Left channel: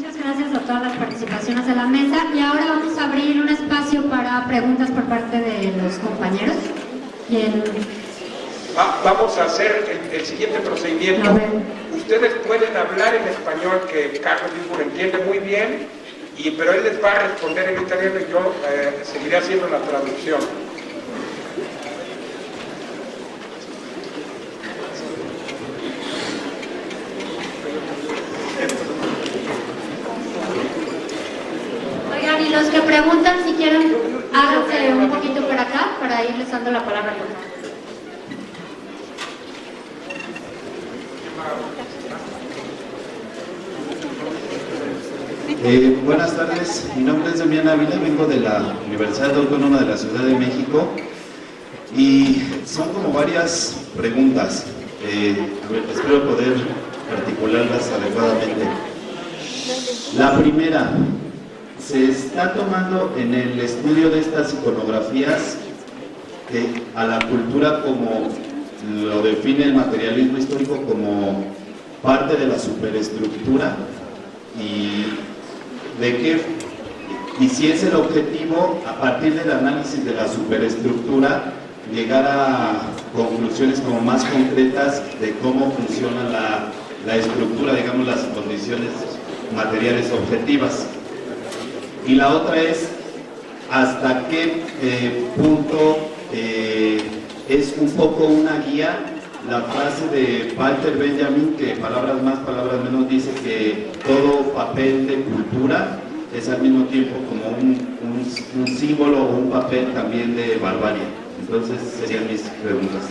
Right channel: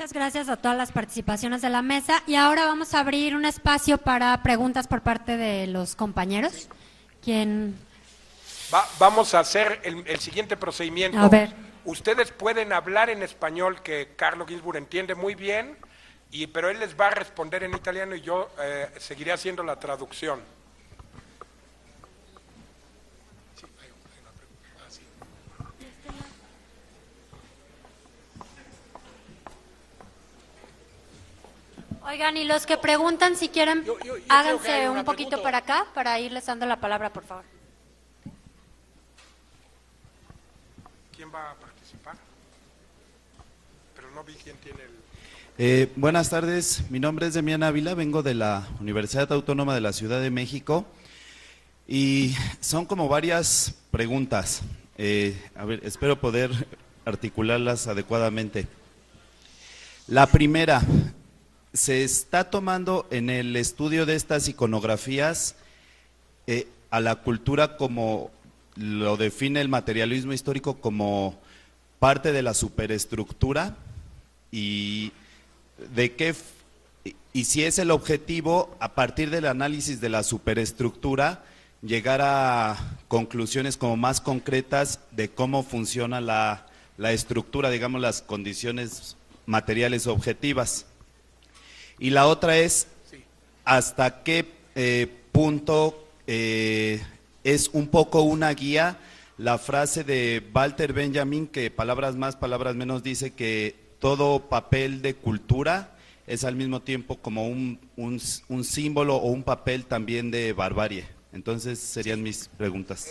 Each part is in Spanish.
Muchas gracias a todas las participaciones de la mesa y ahora vamos a abrir un espacio para preguntas por parte de los compañeros. Vamos a hacer el siguiente procedimiento. Ustedes pueden hablar en español, que Carlos Libur entiende muy bien, pero él les va a responder en italiano y yo seguiré haciendo la traducción. Oigan, y los que preguntan, si quieren, háganse un poquito por acá para irles dando la palabra, por favor. Buenas tardes, mi nombre es Demián Ávila, vengo de la Universidad Autónoma de la Ciudad de México y son como varias preguntas, espero poder articularlas adecuadamente. La primera, se está tomando en el estudio de estas iconografías a la cultura como lo define el materialismo histórico como parte de la superestructura y si es el objetivo, a partir del análisis de la superestructura, llegar a conclusiones como más concretas de cómo funciona la estructura, digamos, las condiciones materiales objetivas. Y la otra es, hasta qué punto es un poco una guía la frase de Walter Benjamin, que palabras más, palabras menos, dice que todo papel de cultura es al mismo tiempo como un símbolo o un papel también de barbarie. Entonces serían mis preguntas.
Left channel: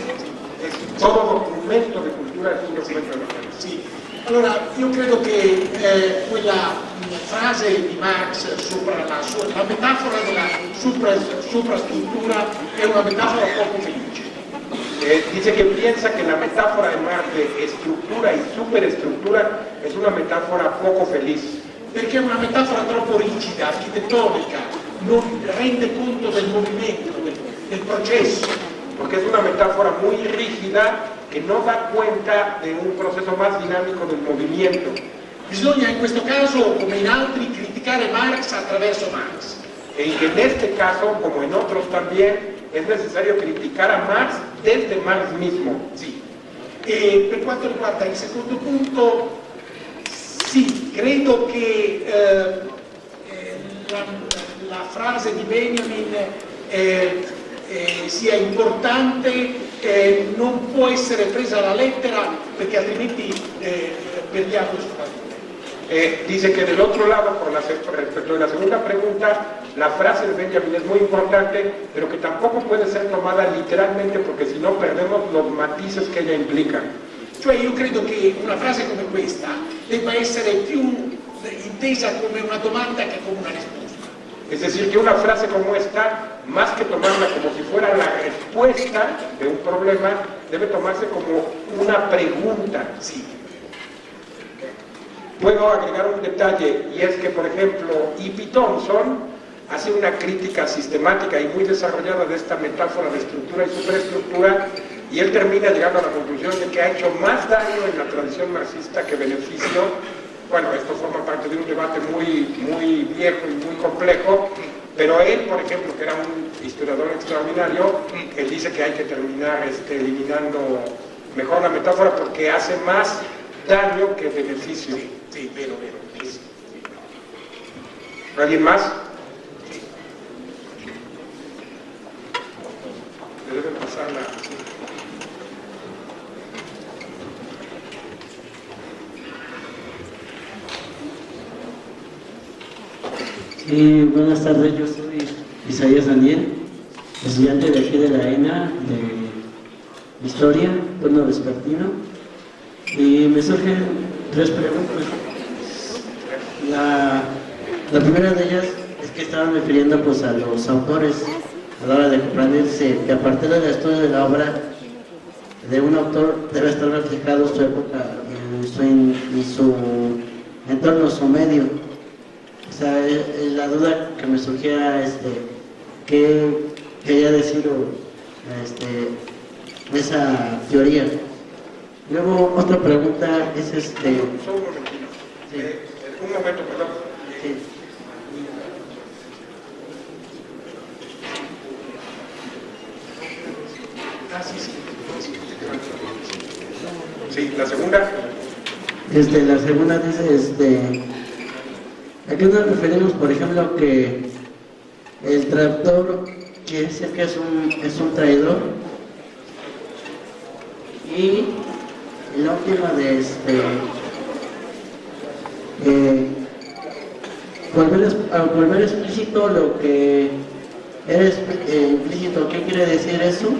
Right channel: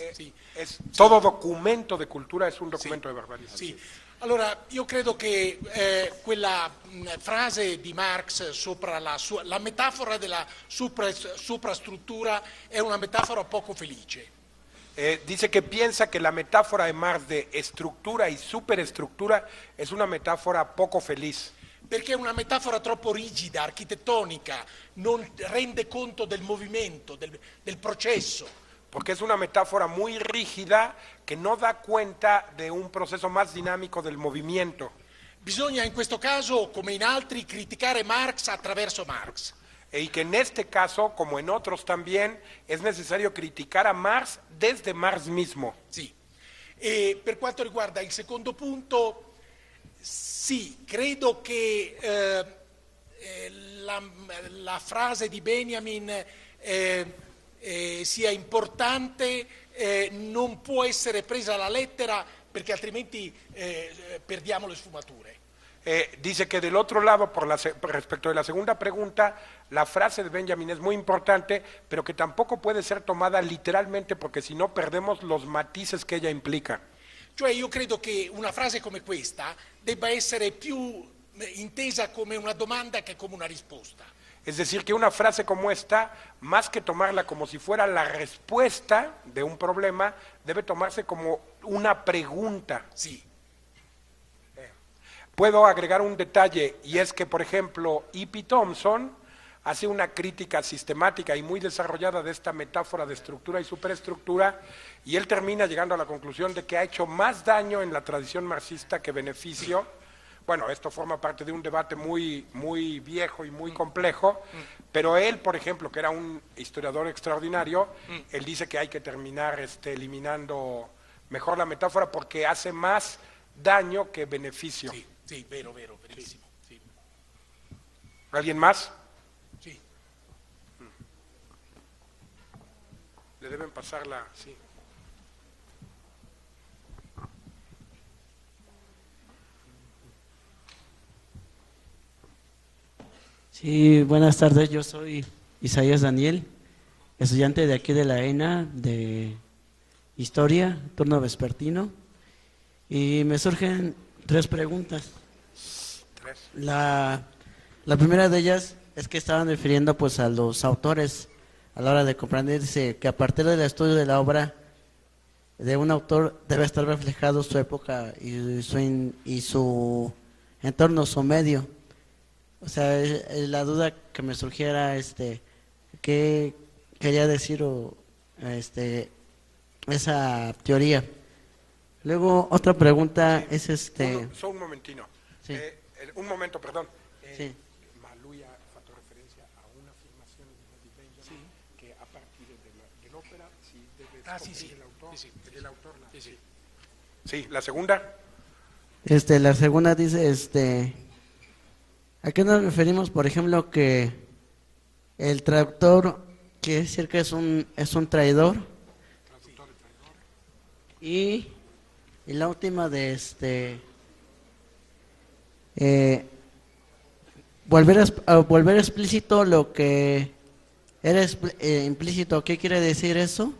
Todo documento de cultura es un documento de barbarie. Sì, allora io credo che quella frase di Marx sopra la metafora della suprastruttura è una metafora poco felice. Dice que piensa que la metáfora de Marx de estructura y superestructura es una metáfora poco feliz. Perché è una metafora troppo rigida, architettonica, non rende conto del movimento, del processo. Porque es una metáfora muy rígida que no da cuenta de un proceso más dinámico del movimiento. Bisogna in questo caso, come in altri, criticare Marx attraverso Marx. Y en este caso, como en otros también, es necesario criticar a Marx desde Marx mismo. Sì. E per quanto riguarda il secondo punto, sì, credo che la frase di Benjamin sia importante, non può essere presa alla lettera perché altrimenti perdiamo il suo valore. Dice que del otro lado, respecto a la segunda pregunta, la frase de Benjamin es muy importante, pero que tampoco puede ser tomada literalmente porque si no perdemos los matices que ella implica. Cioè io credo che una frase come questa debba essere più intesa come una domanda che come una risposta. Es decir, que una frase como esta, más que tomarla como si fuera la respuesta de un problema, debe tomarse como una pregunta. Sí. Puedo agregar un detalle, y es que, por ejemplo, E.P. Thompson hace una crítica sistemática y muy desarrollada de esta metáfora de estructura y superestructura, y él termina llegando a la conclusión de que ha hecho más daño en la tradición marxista que beneficio. Bueno, esto forma parte de un debate muy viejo y muy complejo, pero él, por ejemplo, que era un historiador extraordinario, que dice que hay que terminar eliminando mejor la metáfora porque hace más daño que beneficio. Sí, vero. Sí. ¿Alguien más? Se debe pasar la... Sí, buenas tardes, yo soy Isaías Daniel, estudiante de aquí de la ENA, de Historia, turno vespertino, y me surgen tres preguntas. La primera de ellas es que estaban refiriendo pues, a los autores a la hora de comprenderse que a partir del estudio de la obra de un autor debe estar reflejado su época y su entorno, su medio. O sea, la duda que me surgiera, ¿qué quería decir esa teoría? Luego, otra pregunta es Solo un momentito. Un momento, perdón. Sí. Ah, sí, sí. Sí, la segunda. La segunda dice, ¿a qué nos referimos, por ejemplo, que el traductor quiere decir que es un traidor? Y la última de volver explícito lo que era implícito. ¿Qué quiere decir eso?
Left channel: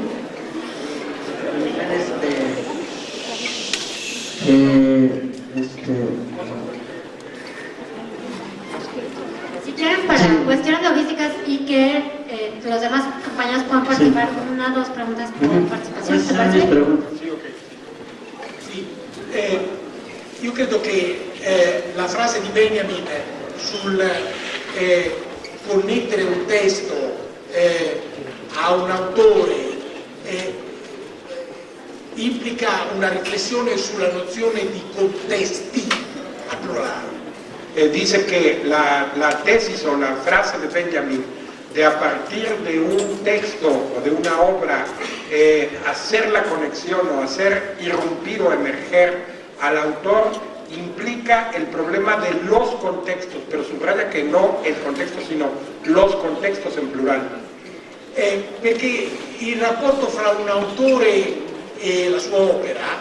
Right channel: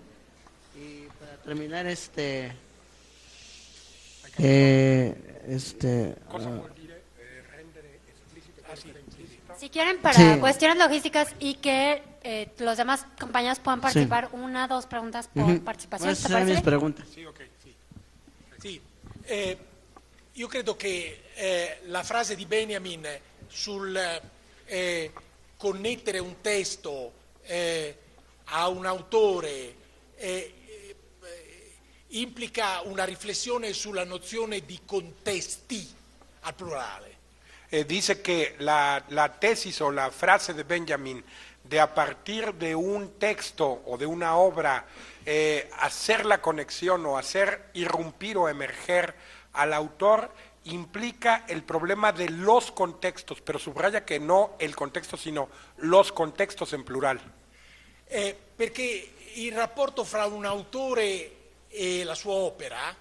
Si quieren, para cuestiones logísticas y que los demás compañeros puedan participar, una o dos preguntas por participación. ¿Te parece? Sì, io credo che la frase di Benjamin sul connettere un testo a un autore implica una riflessione sulla nozione di contesti a plurale. Dice que la tesis o la frase de Benjamin de a partir de un texto o de una obra hacer la conexión o hacer irrumpir o emerger al autor implica el problema de los contextos, pero subraya que no el contexto sino los contextos en plural. Perché il rapporto fra un autore e la sua opera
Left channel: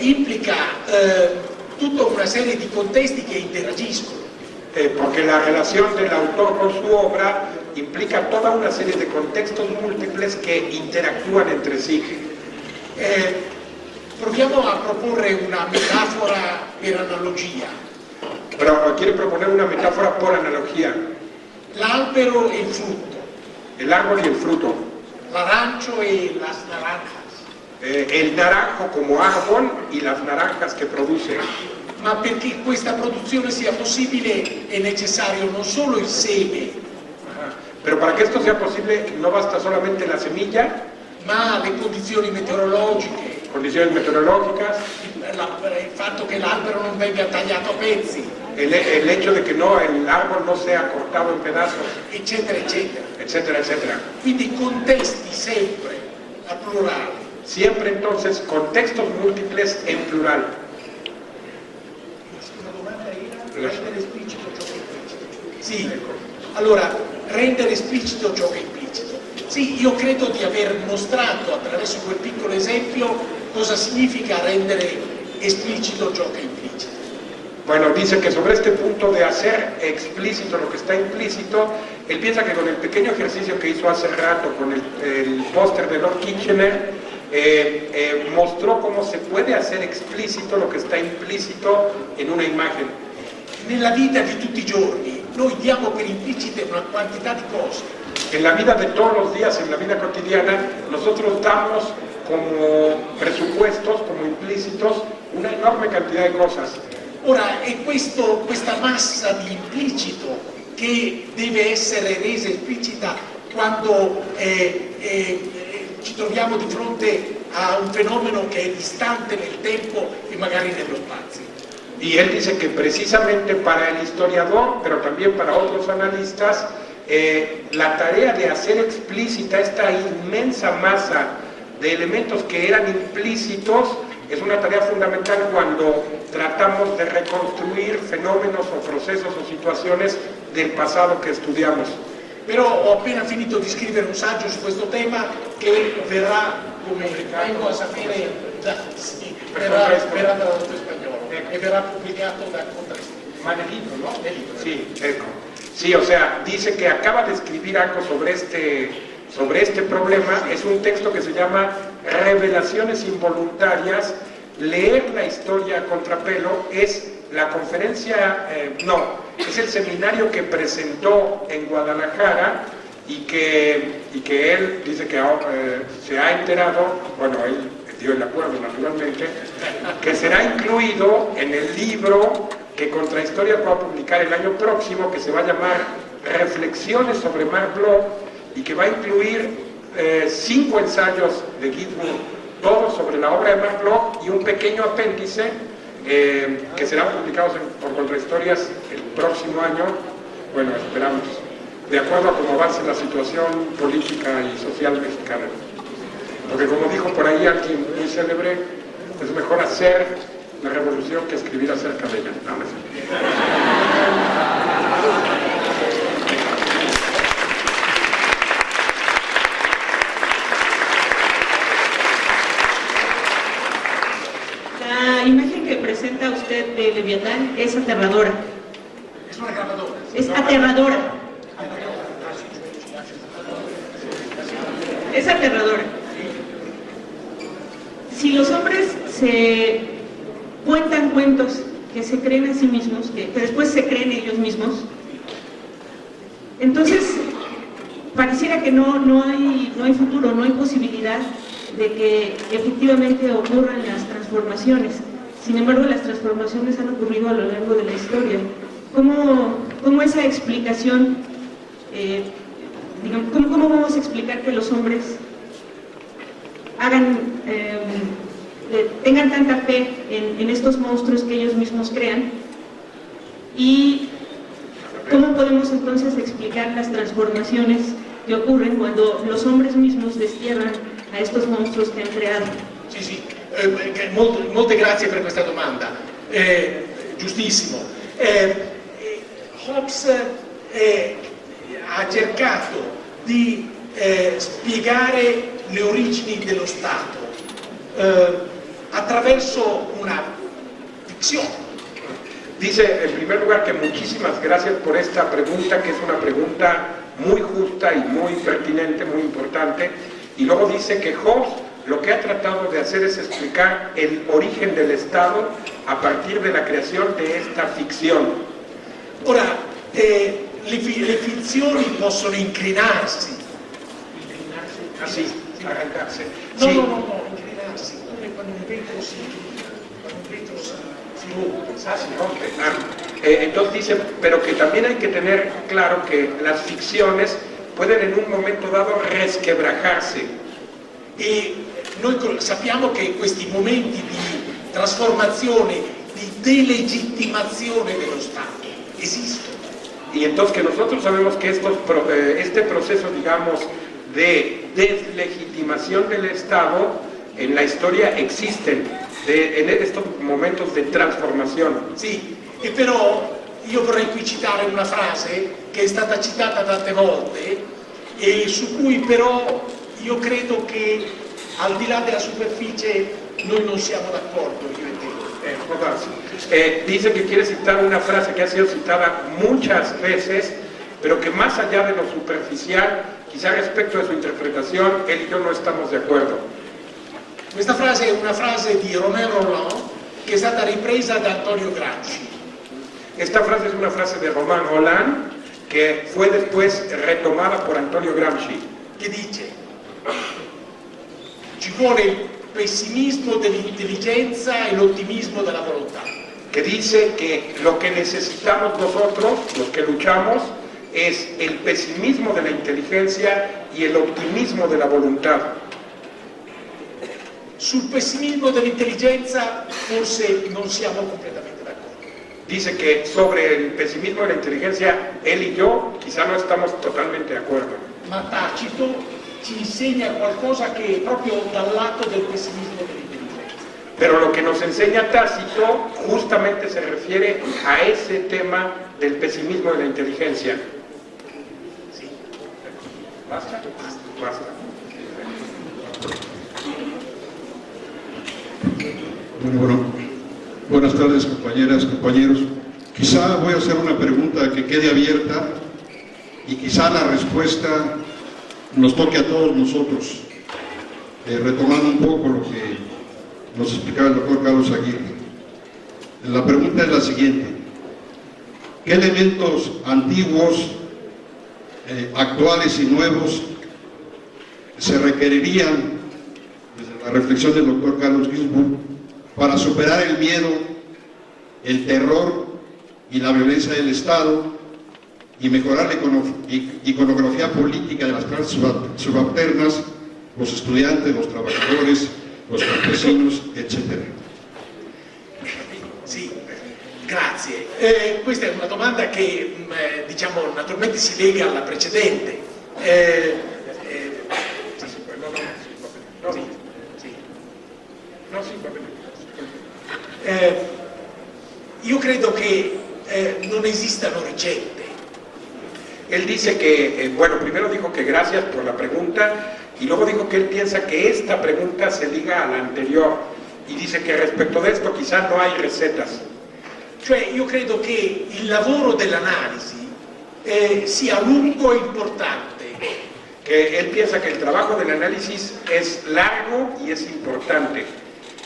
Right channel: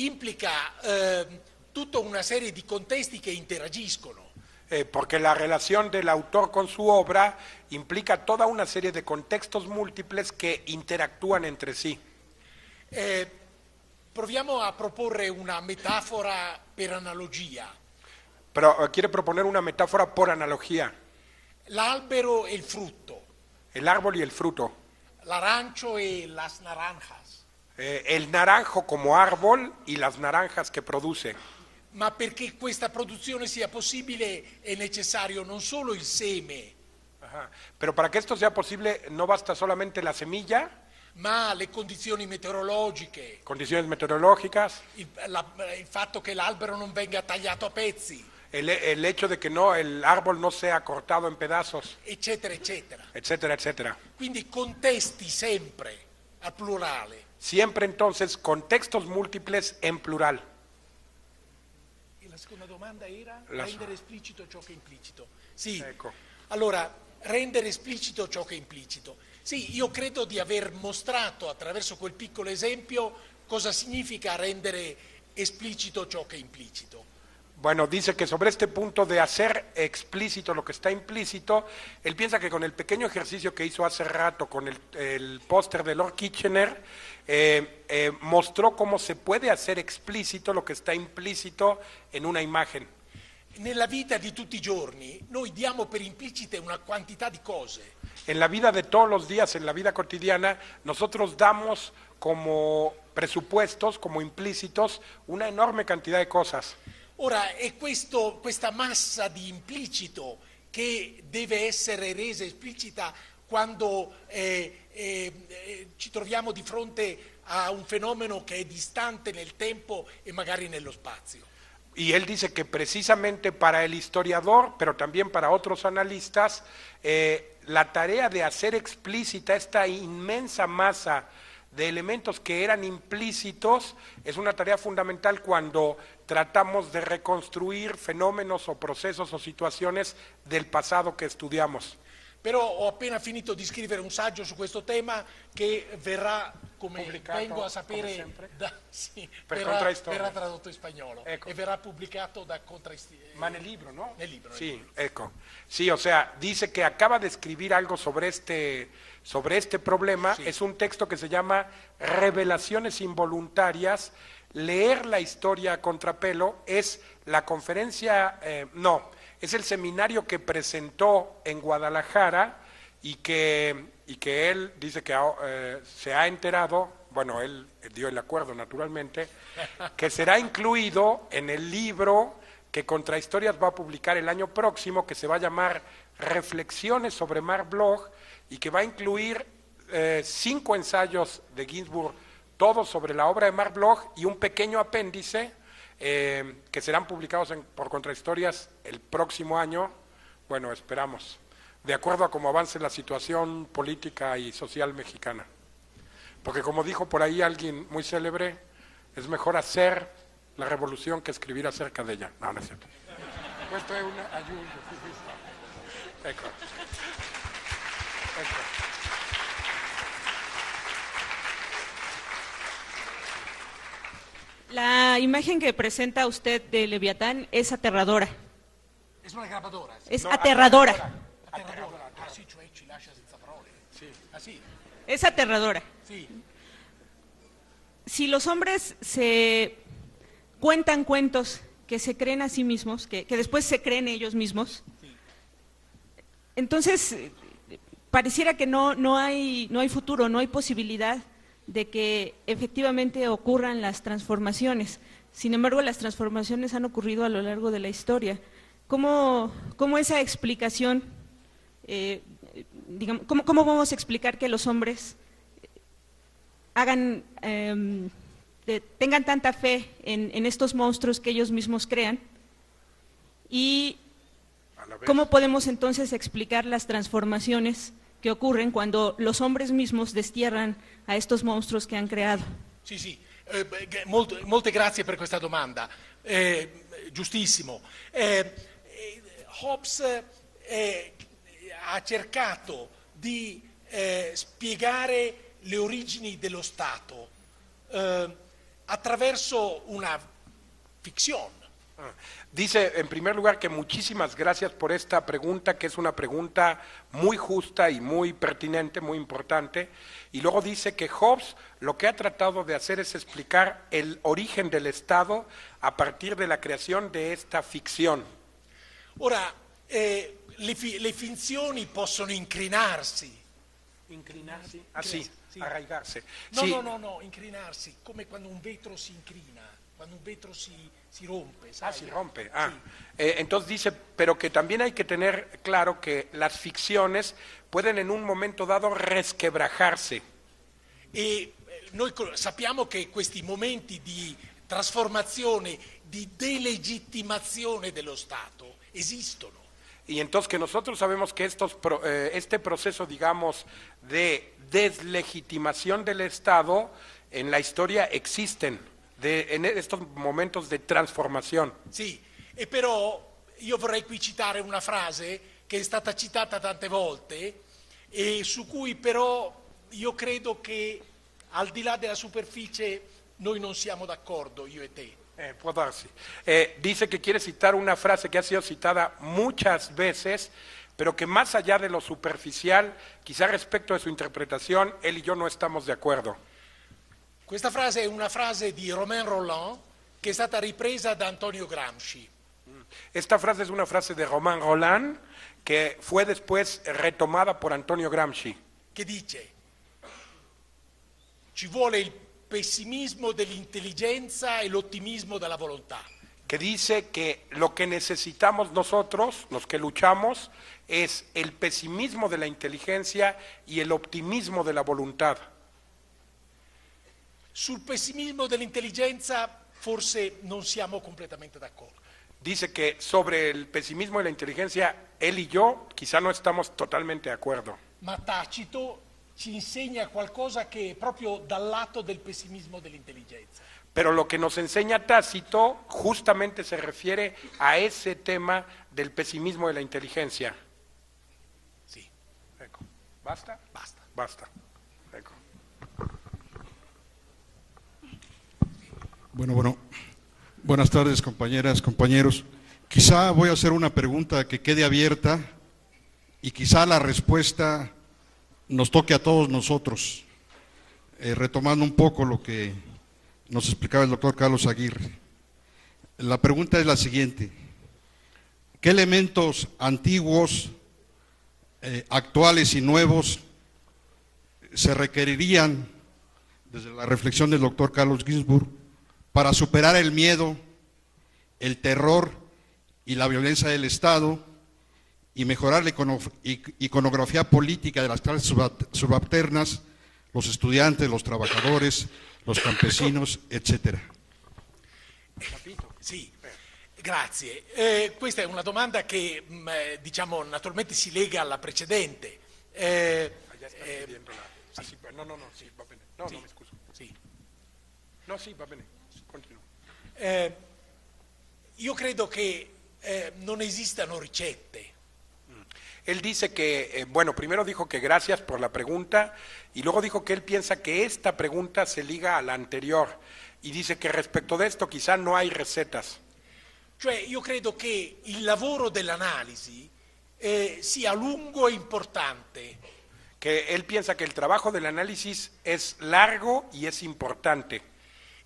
implica tutta una serie di contesti che interagiscono. Porque la relación del autor con su obra implica toda una serie de contextos múltiples que interactúan entre sí. Proviamo a proporre una metafora per analogia. Pero quiere proponer una metáfora por analogía. L'albero e il frutto, El árbol y el fruto. l'arancio e las naranjas. El naranjo como árbol y las naranjas que produce. Ma perché questa produzione sia possibile è necessario non solo il seme, Pero para que esto sea posible no basta solamente la semilla, ma le condizioni meteorologiche, condiciones meteorológicas, il fatto che l'albero non venga tagliato a pezzi, el hecho de que el árbol no sea cortado en pedazos, eccetera, eccetera. etcétera, etcétera. Quindi contesti sempre, a plurale. Siempre entonces contextos múltiples en plural. La domanda era rendere esplicito ciò che è implicito. Sì, allora, rendere esplicito ciò che è implicito. Sì, io credo di aver mostrato attraverso quel piccolo esempio cosa significa rendere esplicito ciò che è implicito. Bueno, dice que sobre este punto de hacer explícito lo que está implícito, él piensa que con el pequeño ejercicio que hizo hace rato con el póster de Lord Kitchener, mostró cómo se puede hacer explícito lo que está implícito en una imagen. Nella vita di tutti i giorni noi diamo per implicite una quantità di cose. En la vida de todos los días, en la vida cotidiana, nosotros damos como presupuestos, como implícitos, una enorme cantidad de cosas. Ora, è questa massa di implicito che deve essere resa esplicita quando ci troviamo di fronte a un fenomeno che è distante nel tempo e magari nello spazio. Y él dice que precisamente para el historiador, pero también para otros analistas, la tarea de hacer explícita esta inmensa masa de elementos que eran implícitos es una tarea fundamental cuando tratamos de reconstruir fenómenos o procesos o situaciones del pasado che studiamo. Però ho appena finito di scrivere un saggio su questo tema che verrà, come vengo a sapere, verrà tradotto in spagnolo e verrà pubblicato da Contrascritti. Ma nel libro, ¿no? Sí, sí, o sea, dice que acaba de escribir algo sobre este problema. Es un texto que se llama Revelaciones involuntarias. Leer la historia a contrapelo es la conferencia, es el seminario que presentó en Guadalajara y que él dice que se ha enterado, bueno, él estoy de acuerdo naturalmente, que será incluido en el libro que Contrahistoria va a publicar el año próximo, que se va a llamar Reflexiones sobre Mark Bloch y que va a incluir 5 ensayos de Gittwood, todos sobre la obra de Mark Bloch y un pequeño apéndice que serán publicados por con historias el próximo año, bueno, esperamos, de acuerdo a cómo avance la situación política y social mexicana. Porque como dijo por ahí alguien muy célebre, es mejor hacer la revolución que escribir acerca de ella. Amén. La imagen que presenta usted de Leviatán es aterradora. Es aterradora. Es aterradora. Si los hombres se cuentan cuentos que se creen a sí mismos, que después se creen ellos mismos, entonces pareciera que no hay futuro, no hay posibilidad de que efectivamente ocurran las transformaciones. Sin embargo, las transformaciones han ocurrido a lo largo de la historia. ¿Cómo esa explicación, cómo vamos a explicar que los hombres tengan tanta fe en estos monstruos que ellos mismos crean? ¿Y cómo podemos entonces explicar las transformaciones que ocurren cuando los hombres mismos destierran a estos monstruos che hanno creato? Sì, molte grazie per questa domanda, giustissimo. Hobbes ha cercato di spiegare le origini dello Stato attraverso una ficzione. Dice, en primer lugar, que muchísimas gracias por esta pregunta, que es una pregunta muy justa y muy pertinente, muy importante. Y luego dice que Hobbes lo que ha tratado de hacer es explicar el origen del Estado a partir de la creación de esta ficción. Ora, le finzioni possono inclinarsi. Ah, sí, arrancarse. No, Sí. no, inclinarsi. Quando un vento si rompe. Ah, sí, okay. Entonces dice, pero que también hay que tener claro que las ficciones pueden en un momento dado resquebrajarse. E noi sappiamo che questi momenti di trasformazione, di delegittimazione dello Stato esistono. Y entonces que nosotros sabemos que este proceso, digamos, de deslegitimación del Estado en la historia existen, en estos momentos de trasformación. Sì, e però io vorrei qui citare una frase che è stata citata tante volte e su cui però io credo che al di là della superficie noi non siamo d'accordo, io e te. Dice que quiere citar una frase que ha sido citada muchas veces, pero que más allá de lo superficial, quizá respecto de su interpretación, él y yo no estamos de acuerdo. Questa frase è una frase di Romain Rolland che è stata ripresa da Antonio Gramsci. Esta frase es una frase de Romain Rolland que fue después retomada por Antonio Gramsci, che dice: ci vuole il pessimismo dell'intelligenza e l'ottimismo della volontà. que dice que lo que necesitamos nosotros, los que luchamos, es el pesimismo de la inteligencia y el optimismo de la voluntad. Sul pessimismo dell'intelligenza forse non siamo completamente d'accordo. Dice que sobre el pesimismo de la inteligencia, él y yo quizá no estamos totalmente de acuerdo. Ma Tacito ci insegna qualcosa che è proprio dal lato del pessimismo dell'intelligenza. Pero lo que nos enseña Tácito justamente se refiere a ese tema del pesimismo de la inteligencia. Sì. ¿Basta? Basta. Bueno, buenas tardes, compañeras, compañeros. Quizá voy a hacer una pregunta que quede abierta y quizá la respuesta nos toque a todos nosotros, retomando un poco lo que nos explicaba el doctor Carlos Aguirre. La pregunta es la siguiente: ¿qué elementos antiguos, actuales y nuevos se requerirían, desde la reflexión del doctor Carlos Ginzburg, para superar el miedo, el terror y la violencia del Estado y mejorar la iconografía política de las clases subalternas, los estudiantes, los trabajadores, los campesinos, etc.? Sì, grazie. questa è una domanda che diciamo naturalmente si lega alla precedente. Io credo que non esistano ricette. Él dice que, bueno, primero dijo que gracias por la pregunta y luego dijo que él piensa que esta pregunta se liga a la anterior y dice que respecto de esto quizá no hay recetas. Cioè io credo che il lavoro dell'analisi sia lungo e importante. Que él piensa que el trabajo del análisis es largo y es importante.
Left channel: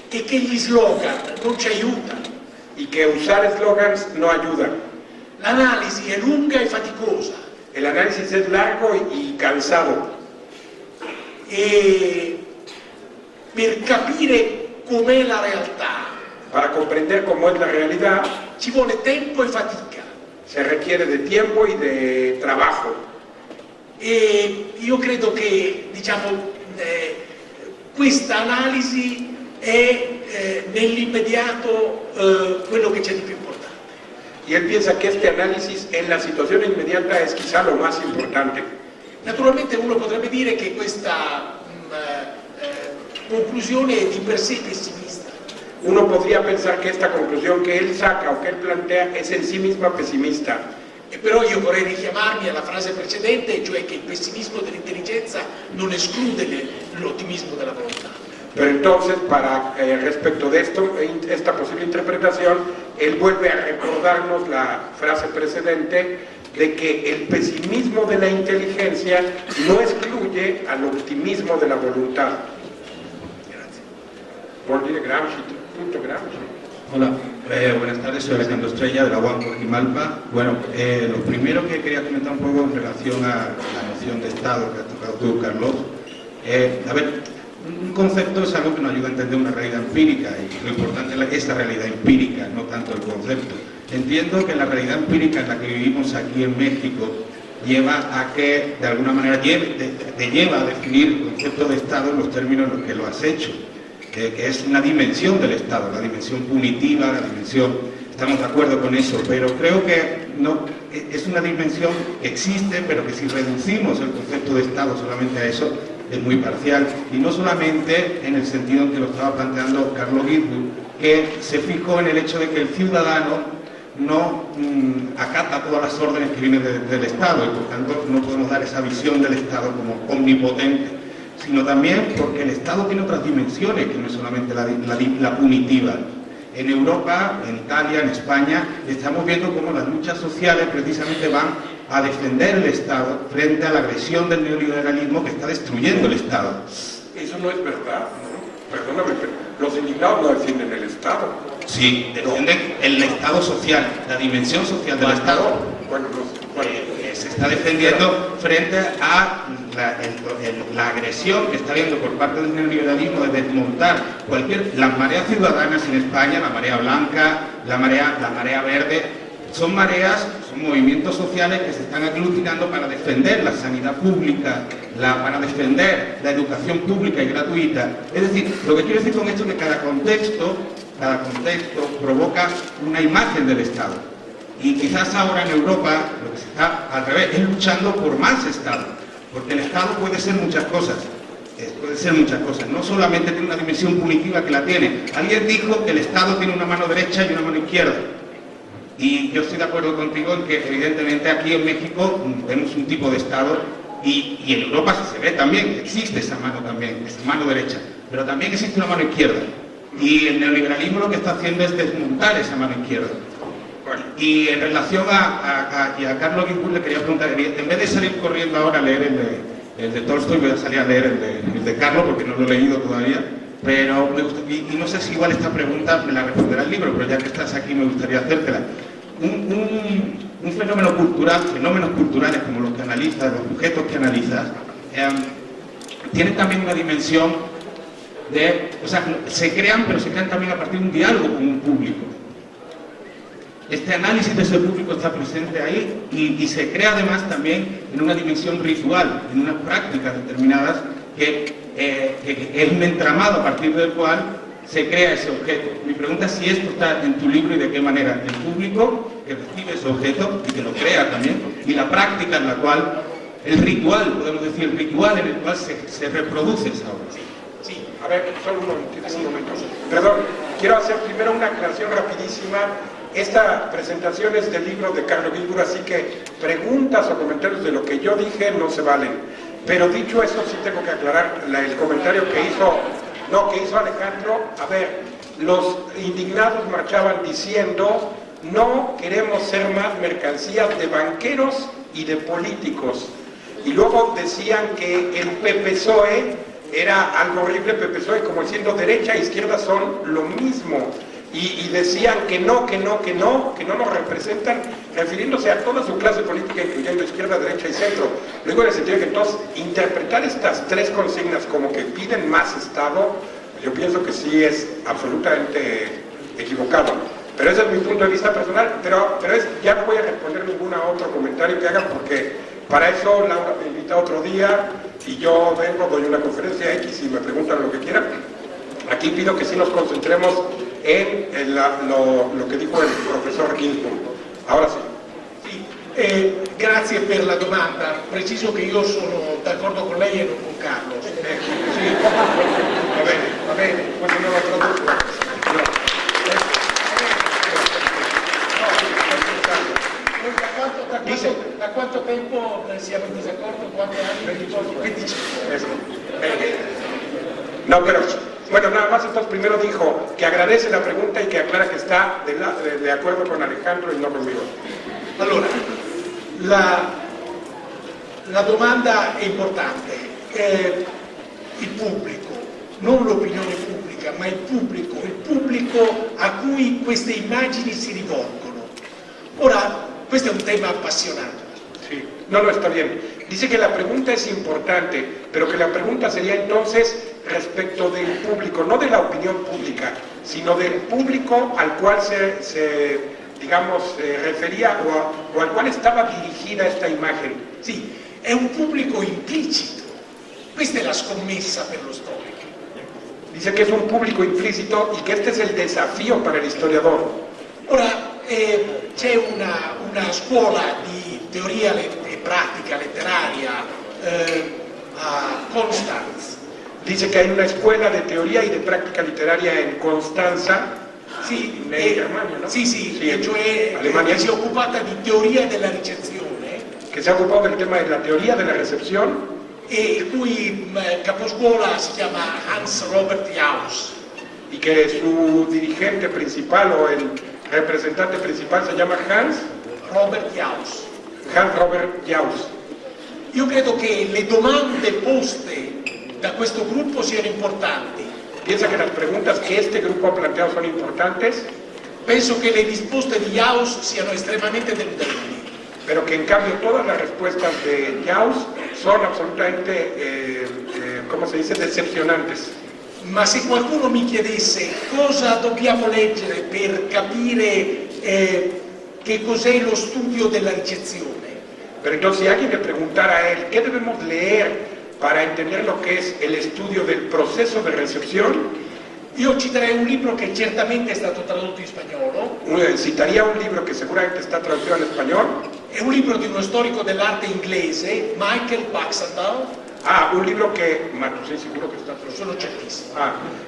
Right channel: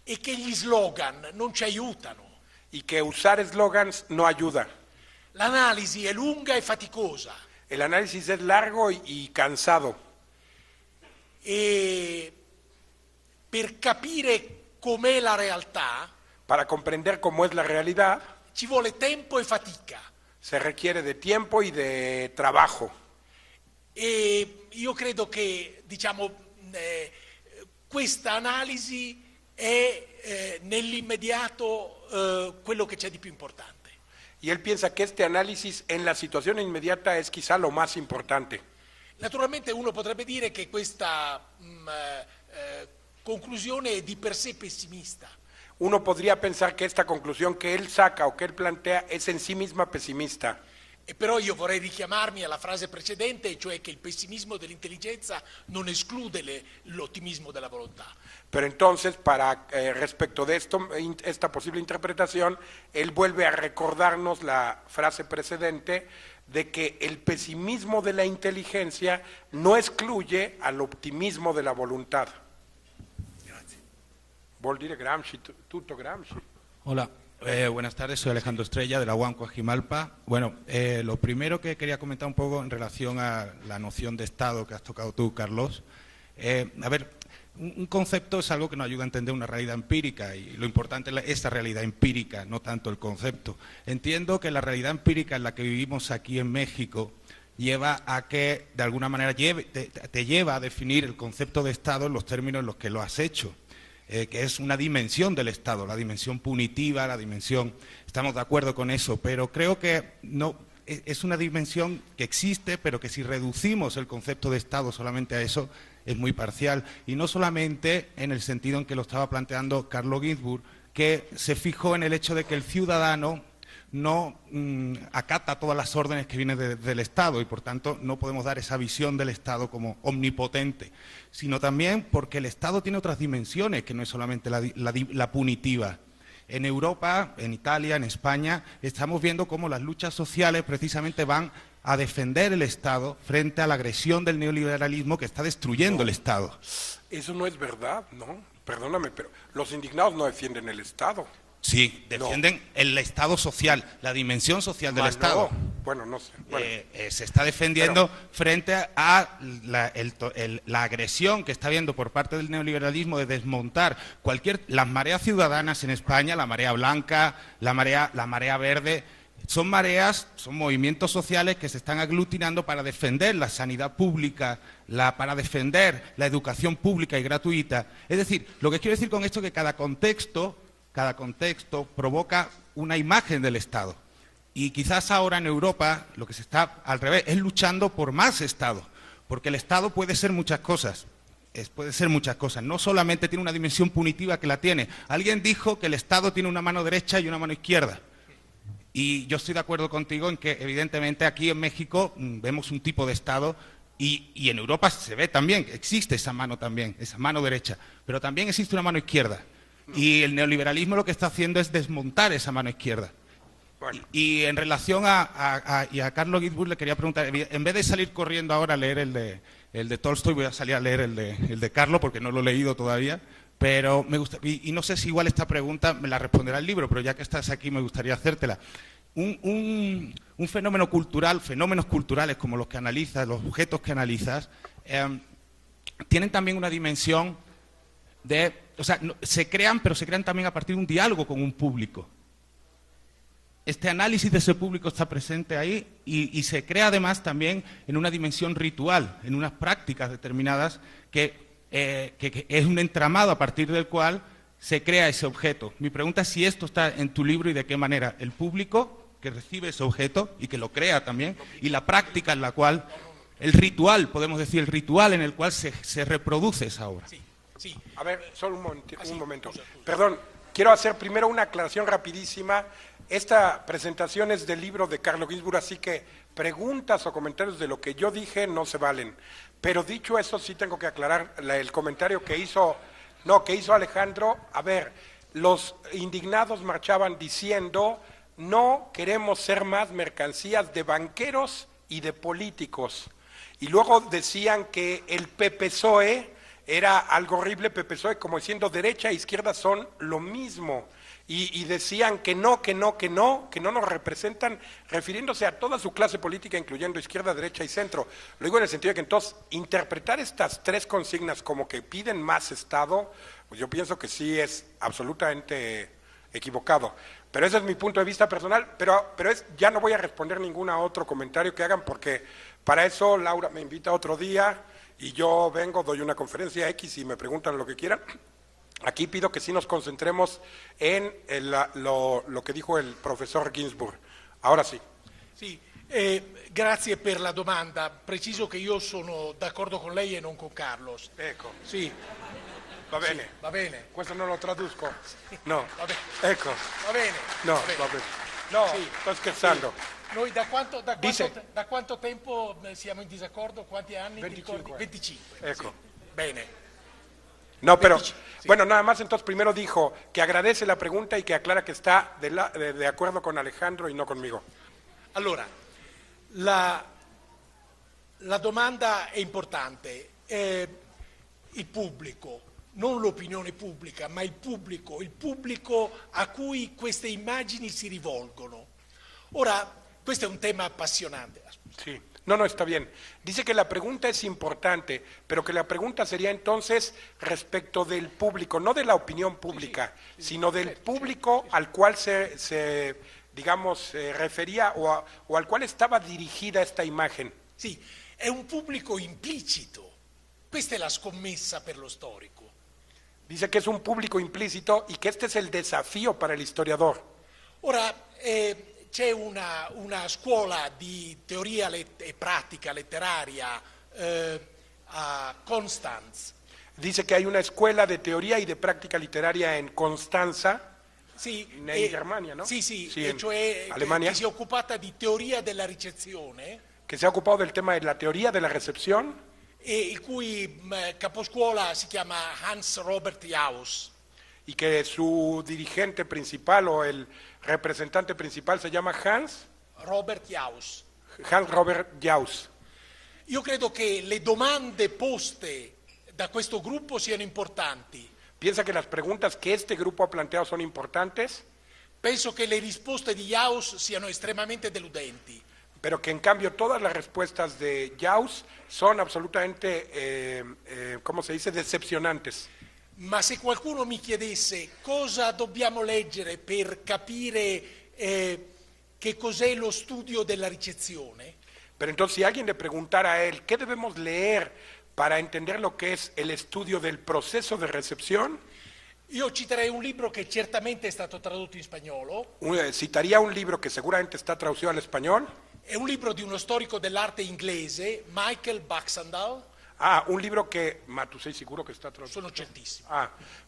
E che gli slogan non ci aiutano. Y que usar eslogans no ayuda. L'analisi è lunga e faticosa. El análisis es largo y cansado. E per capire com'è la realtà, Para comprender cómo es la realidad, ci vuole tempo e fatica. se requiere de tiempo y de trabajo. E io credo che diciamo, questa analisi è nell'immediato quello che c'è di più importante. Y él piensa que este análisis en la situación inmediata es quizá lo más importante. Naturalmente uno potrebbe dire che questa conclusione è di per sé pessimista. Uno podría pensar que esta conclusión que él saca o que él plantea es en sí misma pesimista. E però io vorrei richiamarmi alla frase precedente, cioè che il pessimismo dell'intelligenza non esclude l'ottimismo della volontà. Pero entonces, para respecto de esto, esta posible interpretación, él vuelve a recordarnos la frase precedente de que el pesimismo de la inteligencia no excluye al optimismo de la voluntad. Por Gramsci, punto Gramsci. Hola, buenas tardes, soy Alejandro Estrella de la UAM Coquimalpa. Bueno, lo primero que quería comentar un poco en relación a la noción de Estado que ha tocado tú, Carlos. A ver, un concepto es algo que nos ayuda a entender una realidad empírica y lo importante es esa realidad empírica, no tanto el concepto. Entiendo que la realidad empírica en la que vivimos aquí en México lleva a que, de alguna manera, te lleva a definir el concepto de Estado en los términos en los que lo has hecho. Que es una dimensión del Estado, la dimensión punitiva, la dimensión, estamos de acuerdo con eso, pero creo que no, es una dimensión que existe, pero que si reducimos el concepto de Estado solamente a eso, es muy parcial, y no solamente en el sentido que lo estaba planteando Carlos Guidwood, que se fijó en el hecho de que el ciudadano no acata todas las órdenes que vienen del Estado, y por tanto no podemos dar esa visión del Estado como omnipotente, sino también porque el Estado tiene otras dimensiones que no es solamente la punitiva. En Europa, en Italia, en España, estamos viendo cómo las luchas sociales precisamente van a defender el Estado frente a la agresión del neoliberalismo que está destruyendo el Estado. Eso no es verdad, ¿no? Perdóname, pero los indignados no defienden el Estado. Sí, defienden el Estado social, la dimensión social del Estado. Bueno, Se está defendiendo frente a la agresión que está habiendo por parte del neoliberalismo de desmontar las mareas ciudadanas en España, la marea blanca, la marea verde, son movimientos sociales que se están aglutinando para defender la sanidad pública, para defender la educación pública y gratuita. Es decir, lo que quiero decir con esto es que cada contexto provoca una imagen del Estado. Y quizás ahora en Europa lo que se está al revés es luchando por más Estado. Porque el Estado puede ser muchas cosas, no solamente tiene una dimensión punitiva que la tiene. Alguien dijo que el Estado tiene una mano derecha y una mano izquierda. Y yo estoy de acuerdo contigo en que evidentemente aquí en México vemos un tipo de Estado y en Europa se ve también, existe esa mano también, esa mano derecha, pero también existe una mano izquierda. Y el neoliberalismo lo que está haciendo es desmontar esa mano izquierda. Y en relación a Carlos Guidwood le quería preguntar, en vez de salir corriendo ahora a leer el de Tolstoy, voy a salir a leer el de Carlos porque no lo he leído todavía, pero y no sé si igual esta pregunta me la responderá el libro, pero ya que estás aquí me gustaría hacértela. Un fenómeno cultural, fenómenos culturales como los que analizas, los objetos que analizas, tienen también una dimensión o sea, se crean, pero se crean también a partir de un diálogo con un público. Este análisis de ese público está presente ahí y se crea además también en una dimensión ritual, en unas prácticas determinadas que es un entramado a partir del cual se crea ese objeto. Mi pregunta es si esto está en tu libro y de qué manera. El público que recibe ese objeto y que lo crea también, y la práctica en la cual, el ritual, podemos decir, el ritual en el cual se reproduce esa obra. Sí, a ver, solo un momento. Perdón, quiero hacer primero una aclaración rapidísima. Esta presentación es del libro de Carlos Víbora, así que preguntas o comentarios de lo que yo dije no se valen. Pero dicho eso, sí tengo que aclarar el comentario que hizo Alejandro. A ver, los indignados marchaban diciendo: no queremos ser más mercancías de banqueros y de políticos. Y luego decían que el PPSOE era algo horrible, el PPSOE, como diciendo derecha e izquierda son lo mismo. Y decían que no nos representan, refiriéndose a toda su clase política, incluyendo izquierda, derecha y centro. Luego en el sentido de que entonces interpretar estas tres consignas como que piden más Estado, yo pienso que sí es absolutamente equivocado. Pero ese es mi punto de vista personal, pero ya no voy a responder ningún otro comentario que hagan, porque para eso Laura me invita otro día y yo vengo, doy una conferencia X y me preguntan lo que quieran. Aquí pido que sí nos concentremos en lo que dijo el profesor Ginsburg. Ahora sí. Grazie per la domanda. Preciso che io sono d'accordo con lei e non con Carlos. Sì. Va bene, quando non lo traduco. Da quanto tempo siamo in disaccordo? Quanti anni? 25. No, pero bueno, nada más entonces primero dijo que agradece la pregunta y que aclara que está de acuerdo con Alejandro y no conmigo. Allora, la domanda è importante. Il pubblico, non l'opinione pubblica, ma il pubblico a cui queste immagini si rivolgono. Ora, questo è un tema appassionante. Sí, no, está bien. Dice que la pregunta es importante, pero que la pregunta sería entonces respecto del público, no de la opinión pública, sino del público al cual se refería o al cual estaba dirigida esta imagen. Sì, è un pubblico implicito. Questa è la scommessa per lo storico. Dice que es un público implícito y que este es el desafío para el historiador. Ora, c'è una scuola di teoria e pratica letteraria a Constanz. Dice que hay una escuela de teoría y de práctica literaria en Constanza. Sì, Germania, ¿no? sì, cioè Alemania, che si è occupata di teoria della ricezione. Que se ha ocupado del tema de la teoría de la recepción. E il cui caposcuola si chiama Hans Robert Jauss. Y que su dirigente principal o el representante principal se llama Hans Robert Jauss. Hans Robert Jauss. Io credo che le domande poste da questo gruppo siano importanti. Piensa que las preguntas que este grupo ha planteado son importantes. Penso che le risposte di Jauss siano estremamente deludenti. Pero que en cambio todas las respuestas de Jauss son absolutamente, ¿cómo se dice?, decepcionantes. Ma se qualcuno mi chiedesse cosa dobbiamo leggere per capire che cos'è lo studio della ricezione. Pero entonces si alguien le preguntara a él, ¿qué debemos leer para entender lo que es el estudio del proceso de recepción? Io citerei un libro che certamente è stato tradotto in spagnolo. Citaría un libro que seguramente está traducido al español. È un libro di uno storico dell'arte inglese, Michael Baxendale. Un libro que, no estoy seguro que está traducido. Sono certissimo.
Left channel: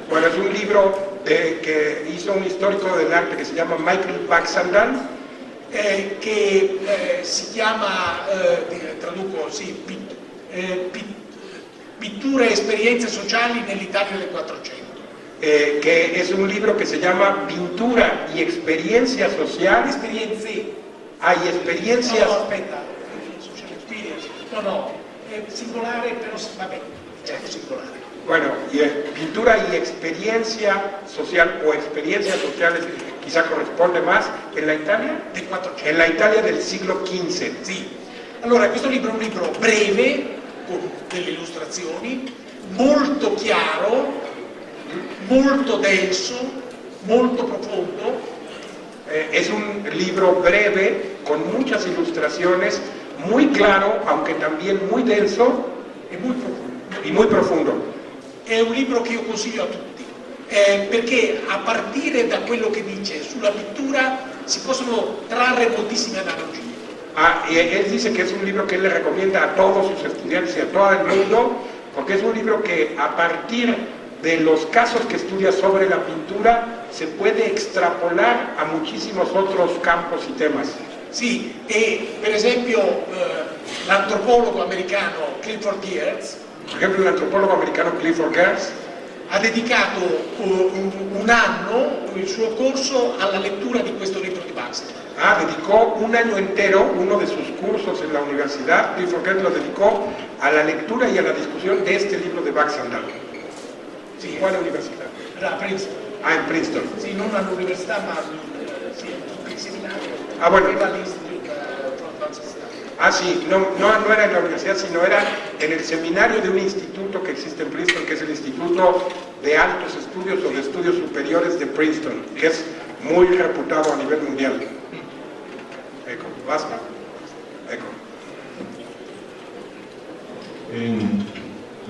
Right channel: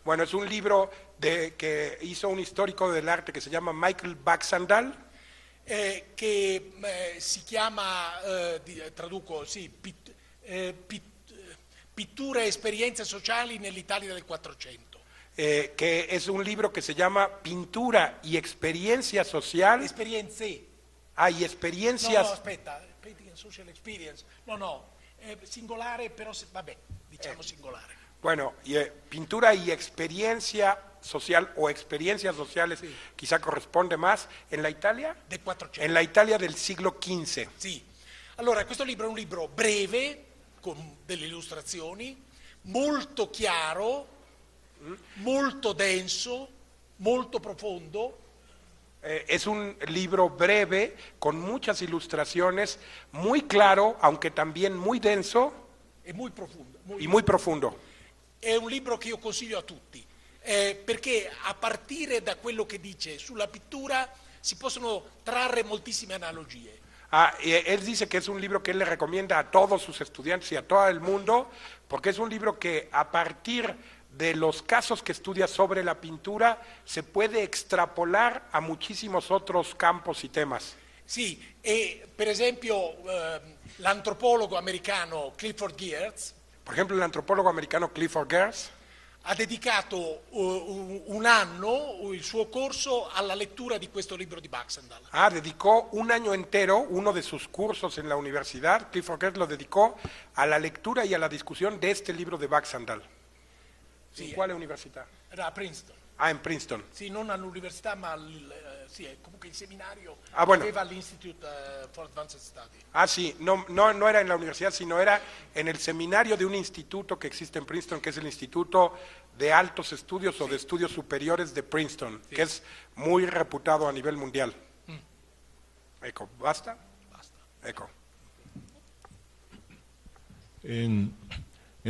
Bueno, es un libro que hizo un histórico del arte que se llama Michael Baxendale. Che si chiama, traduco, sì, pittura e esperienze sociali nell'Italia del 400. Que es un libro que se llama Pintura y Experiencias Sociales. Y experiencias. No, è singolare, però vabbè, certo singolare. Bueno, Pintura y Experiencia Social o Experiencias Sociales quizá corresponde más en la Italia, en la Italia del siglo XV. Sì. Allora, questo libro è un libro breve, con delle illustrazioni, molto chiaro, molto denso, molto profondo. Es un libro breve, con muchas ilustraciones, muy claro, aunque también muy denso e muy profondo. y muy profundo. È un libro che io consiglio a tutti. perché a partire da quello che dice sulla pittura si possono trarre moltissime analogie. Y él dice que es un libro que le recomienda a todos sus estudiantes y a todo el mundo, porque es un libro que a partir de los casos que estudia sobre la pintura se puede extrapolar a muchísimos otros campos y temas. Sì, e per esempio l'antropologo americano Clifford Geertz, Por ejemplo, el antropólogo americano Clifford Geertz ha dedicato un anno il suo corso alla lettura di questo libro di Baxter. dedicó un año entero, uno de sus cursos en la universidad, Clifford Geertz lo dedicó a la lectura y a la discusión de este libro de Baxter. Sì, ¿Cuál universidad? a Princeton. En Princeton. Sì, non all'università, ma sì, il seminario. Bueno. Aveva l'Institute Francis. Sí, no era en la universidad, sino era en el seminario de un instituto que existe en Princeton, que es el Instituto de Altos Estudios o de Estudios Superiores de Princeton, que es muy reputado a nivel mundial. Ecco, basta. Ecco. En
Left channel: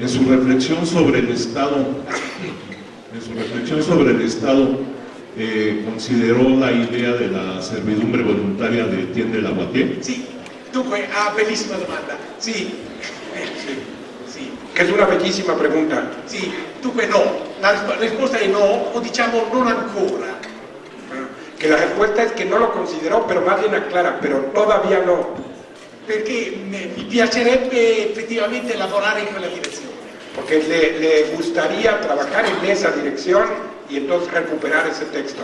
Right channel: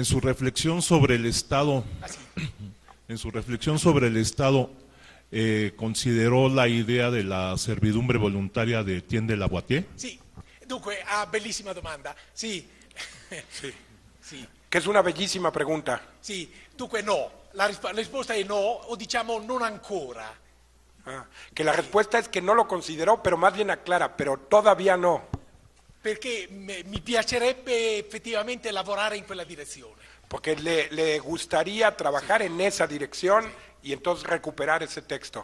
su reflexión sobre el Estado, consideró la idea de la servidumbre voluntaria de Etienne de Lavallée. Sì, dunque, bellissima domanda. Sì. Que es una bellísima pregunta. Sì, dunque no. La risposta è no, o diciamo non ancora. Que la respuesta es que no lo consideró, pero más bien aclara, pero todavía no. Perché mi piacerebbe effettivamente lavorare in quella direzione. Porque le gustaría trabajar en esa dirección y entonces recuperar ese texto.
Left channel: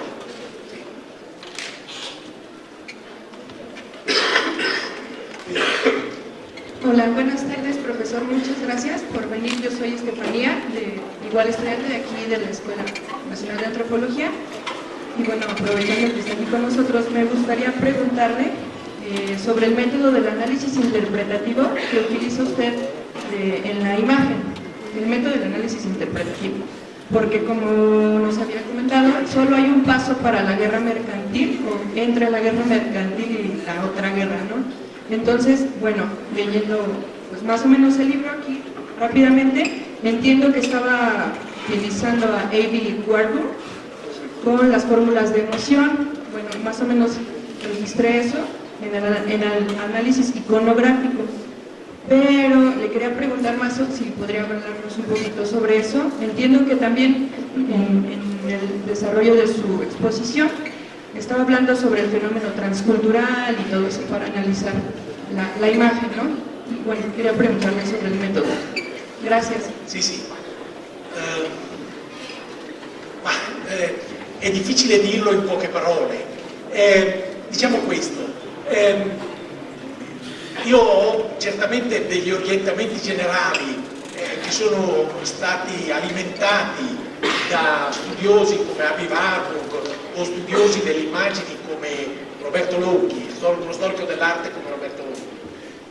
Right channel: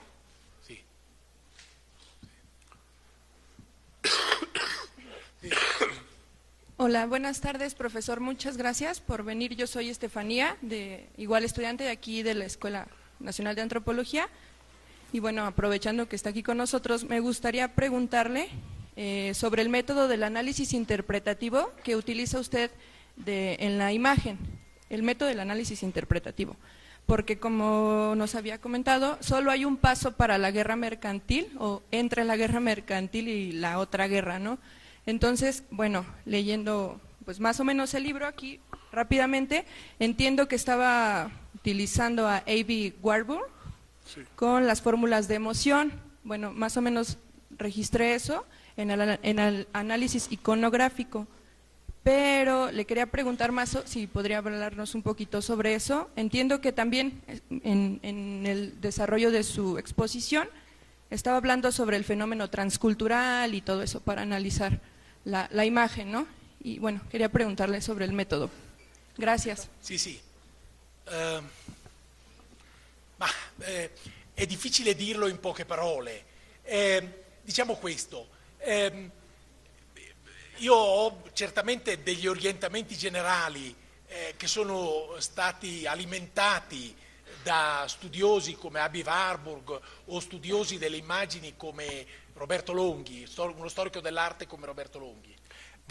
Hola, buenas tardes, profesor. Muchas gracias por venir. Yo soy Estefanía, igual estudiante de aquí de la Escuela Nacional de Antropología. Y bueno, aprovechando que está aquí con nosotros, me gustaría preguntarle sobre el método del análisis interpretativo que utiliza usted en la imagen, el método del análisis interpretativo. Porque como nos había comentado, solo hay un paso para la guerra mercantil, o entre la guerra mercantil y la otra guerra, ¿no? Entonces, bueno, leyendo pues, más o menos el libro aquí rápidamente, entiendo que estaba utilizando a A.B. Warburg con las fórmulas de emoción. Bueno, más o menos registré eso en el análisis iconográfico. Pero le quería preguntar más si podría hablarnos un poquito sobre eso. Entiendo que también en el desarrollo de su exposición estaba hablando sobre el fenómeno transcultural y todo eso para analizar la imagen, ¿no? Y bueno, quería preguntarle sobre el método. Gracias. Sì. È difficile dirlo in poche parole. Diciamo questo. Io ho certamente degli orientamenti generali che sono stati alimentati da studiosi come A.B. Warburg o studiosi delle immagini come Roberto Lonchi, uno storico dell'arte come Roberto Lonchi.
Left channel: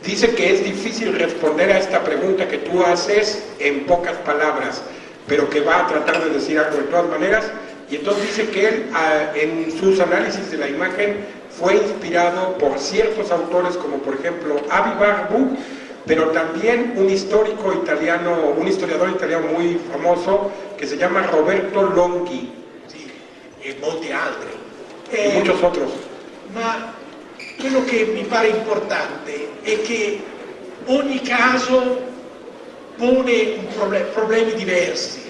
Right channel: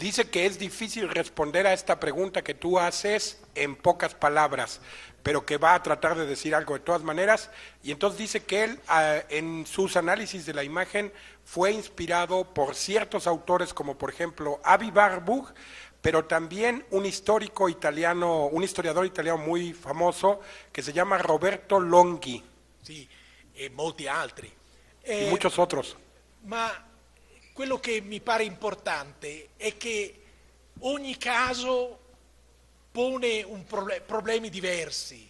Dice que es difícil responder a esta pregunta que tú haces en pocas palabras, pero que va a tratar de decir algo de todas maneras, y entonces dice que él en sus análisis de la imagen fue inspirado por ciertos autores como por ejemplo A.B. Warburg, pero también un historiador italiano muy famoso que se llama Roberto Lonchi. Sì, e molti altri. Y muchos otros. Ma quello che mi pare importante è che ogni caso pone problemi diversi.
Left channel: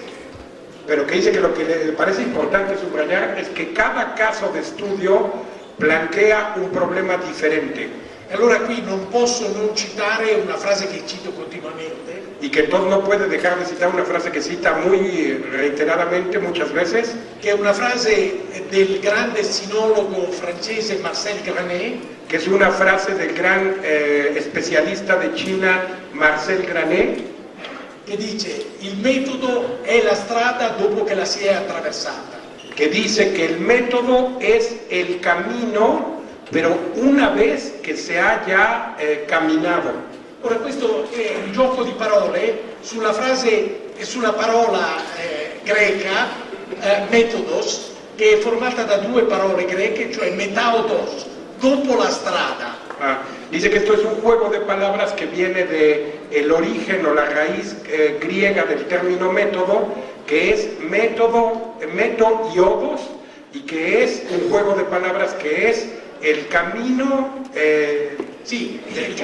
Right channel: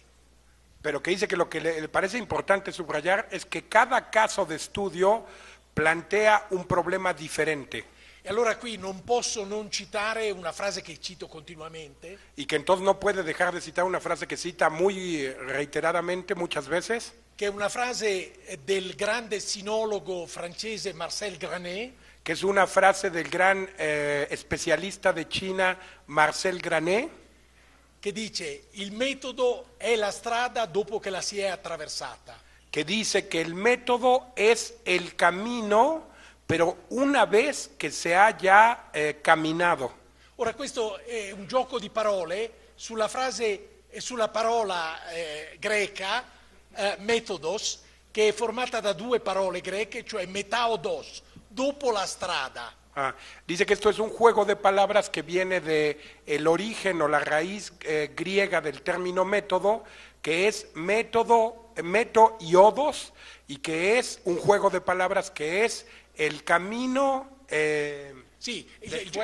Pero que dice que lo que le parece importante subrayar es que cada caso de estudio plantea un problema differente. Allora qui non posso non citare una frase che cito continuamente. Y que todo no puede dejar de citar una frase que cita muy reiteradamente muchas veces. Che è una frase del grande sinologo francese Marcel Granet. Que es una frase del gran especialista de China Marcel Granet. Che dice, il metodo è la strada dopo che la si è attraversata. Que dice que el método es el camino, pero una vez que se haya caminado. Ora questo è un gioco di parole su una frase, su una parola greca, metodos, che è formata da due parole greche, cioè metaudos, dopo la strada. Dice que esto es un juego de palabras que viene del origen o la raíz griega del término método, que es meto y ogos, y que es un juego de palabras que es il cammino. Sì, il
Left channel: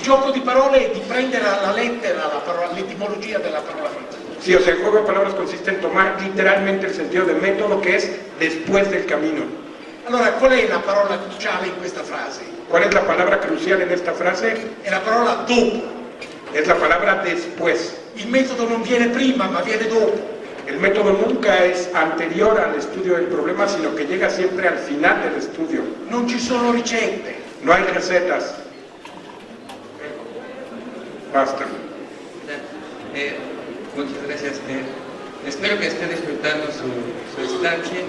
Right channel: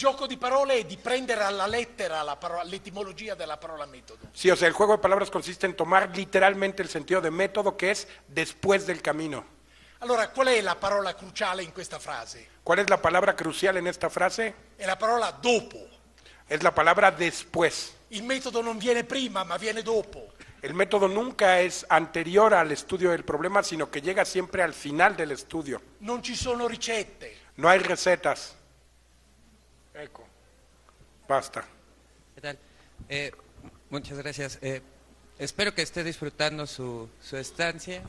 gioco di parole è di prendere alla lettera l'etimologia della parola metodo. Sí, o sea, el juego de palabras consiste en tomar literalmente el sentido de método, que es después del camino. Allora, qual è la parola cruciale in questa frase? ¿Cuál es la palabra crucial en esta frase? È la parola dopo. Es la palabra después. Il metodo non viene prima, ma viene dopo. El método nunca es anterior al estudio del problema, sino que llega siempre al final del estudio. Non ci sono ricette. No hay recetas. Basta. Muchas gracias. Espero que estén disfrutando su estancia.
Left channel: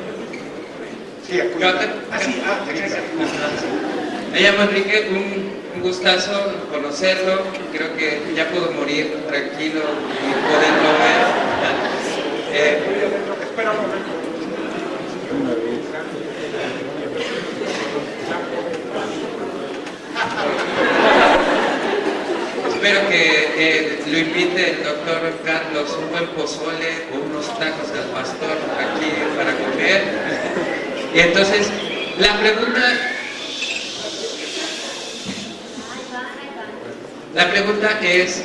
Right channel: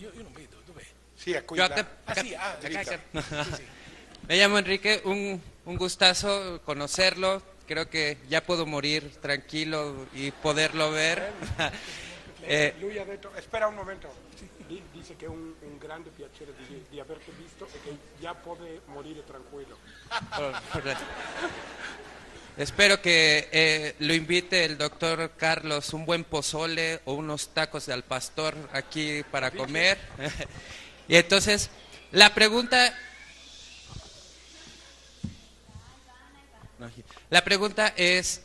Sí, me llamo Enrique, un gustazo conocerlo. Creo que ya puedo morir tranquilo y poderlo ver. Espero que lo invite el doctor Carlos un buen pozole o unos tacos al pastor aquí para comer. Y entonces, la pregunta es,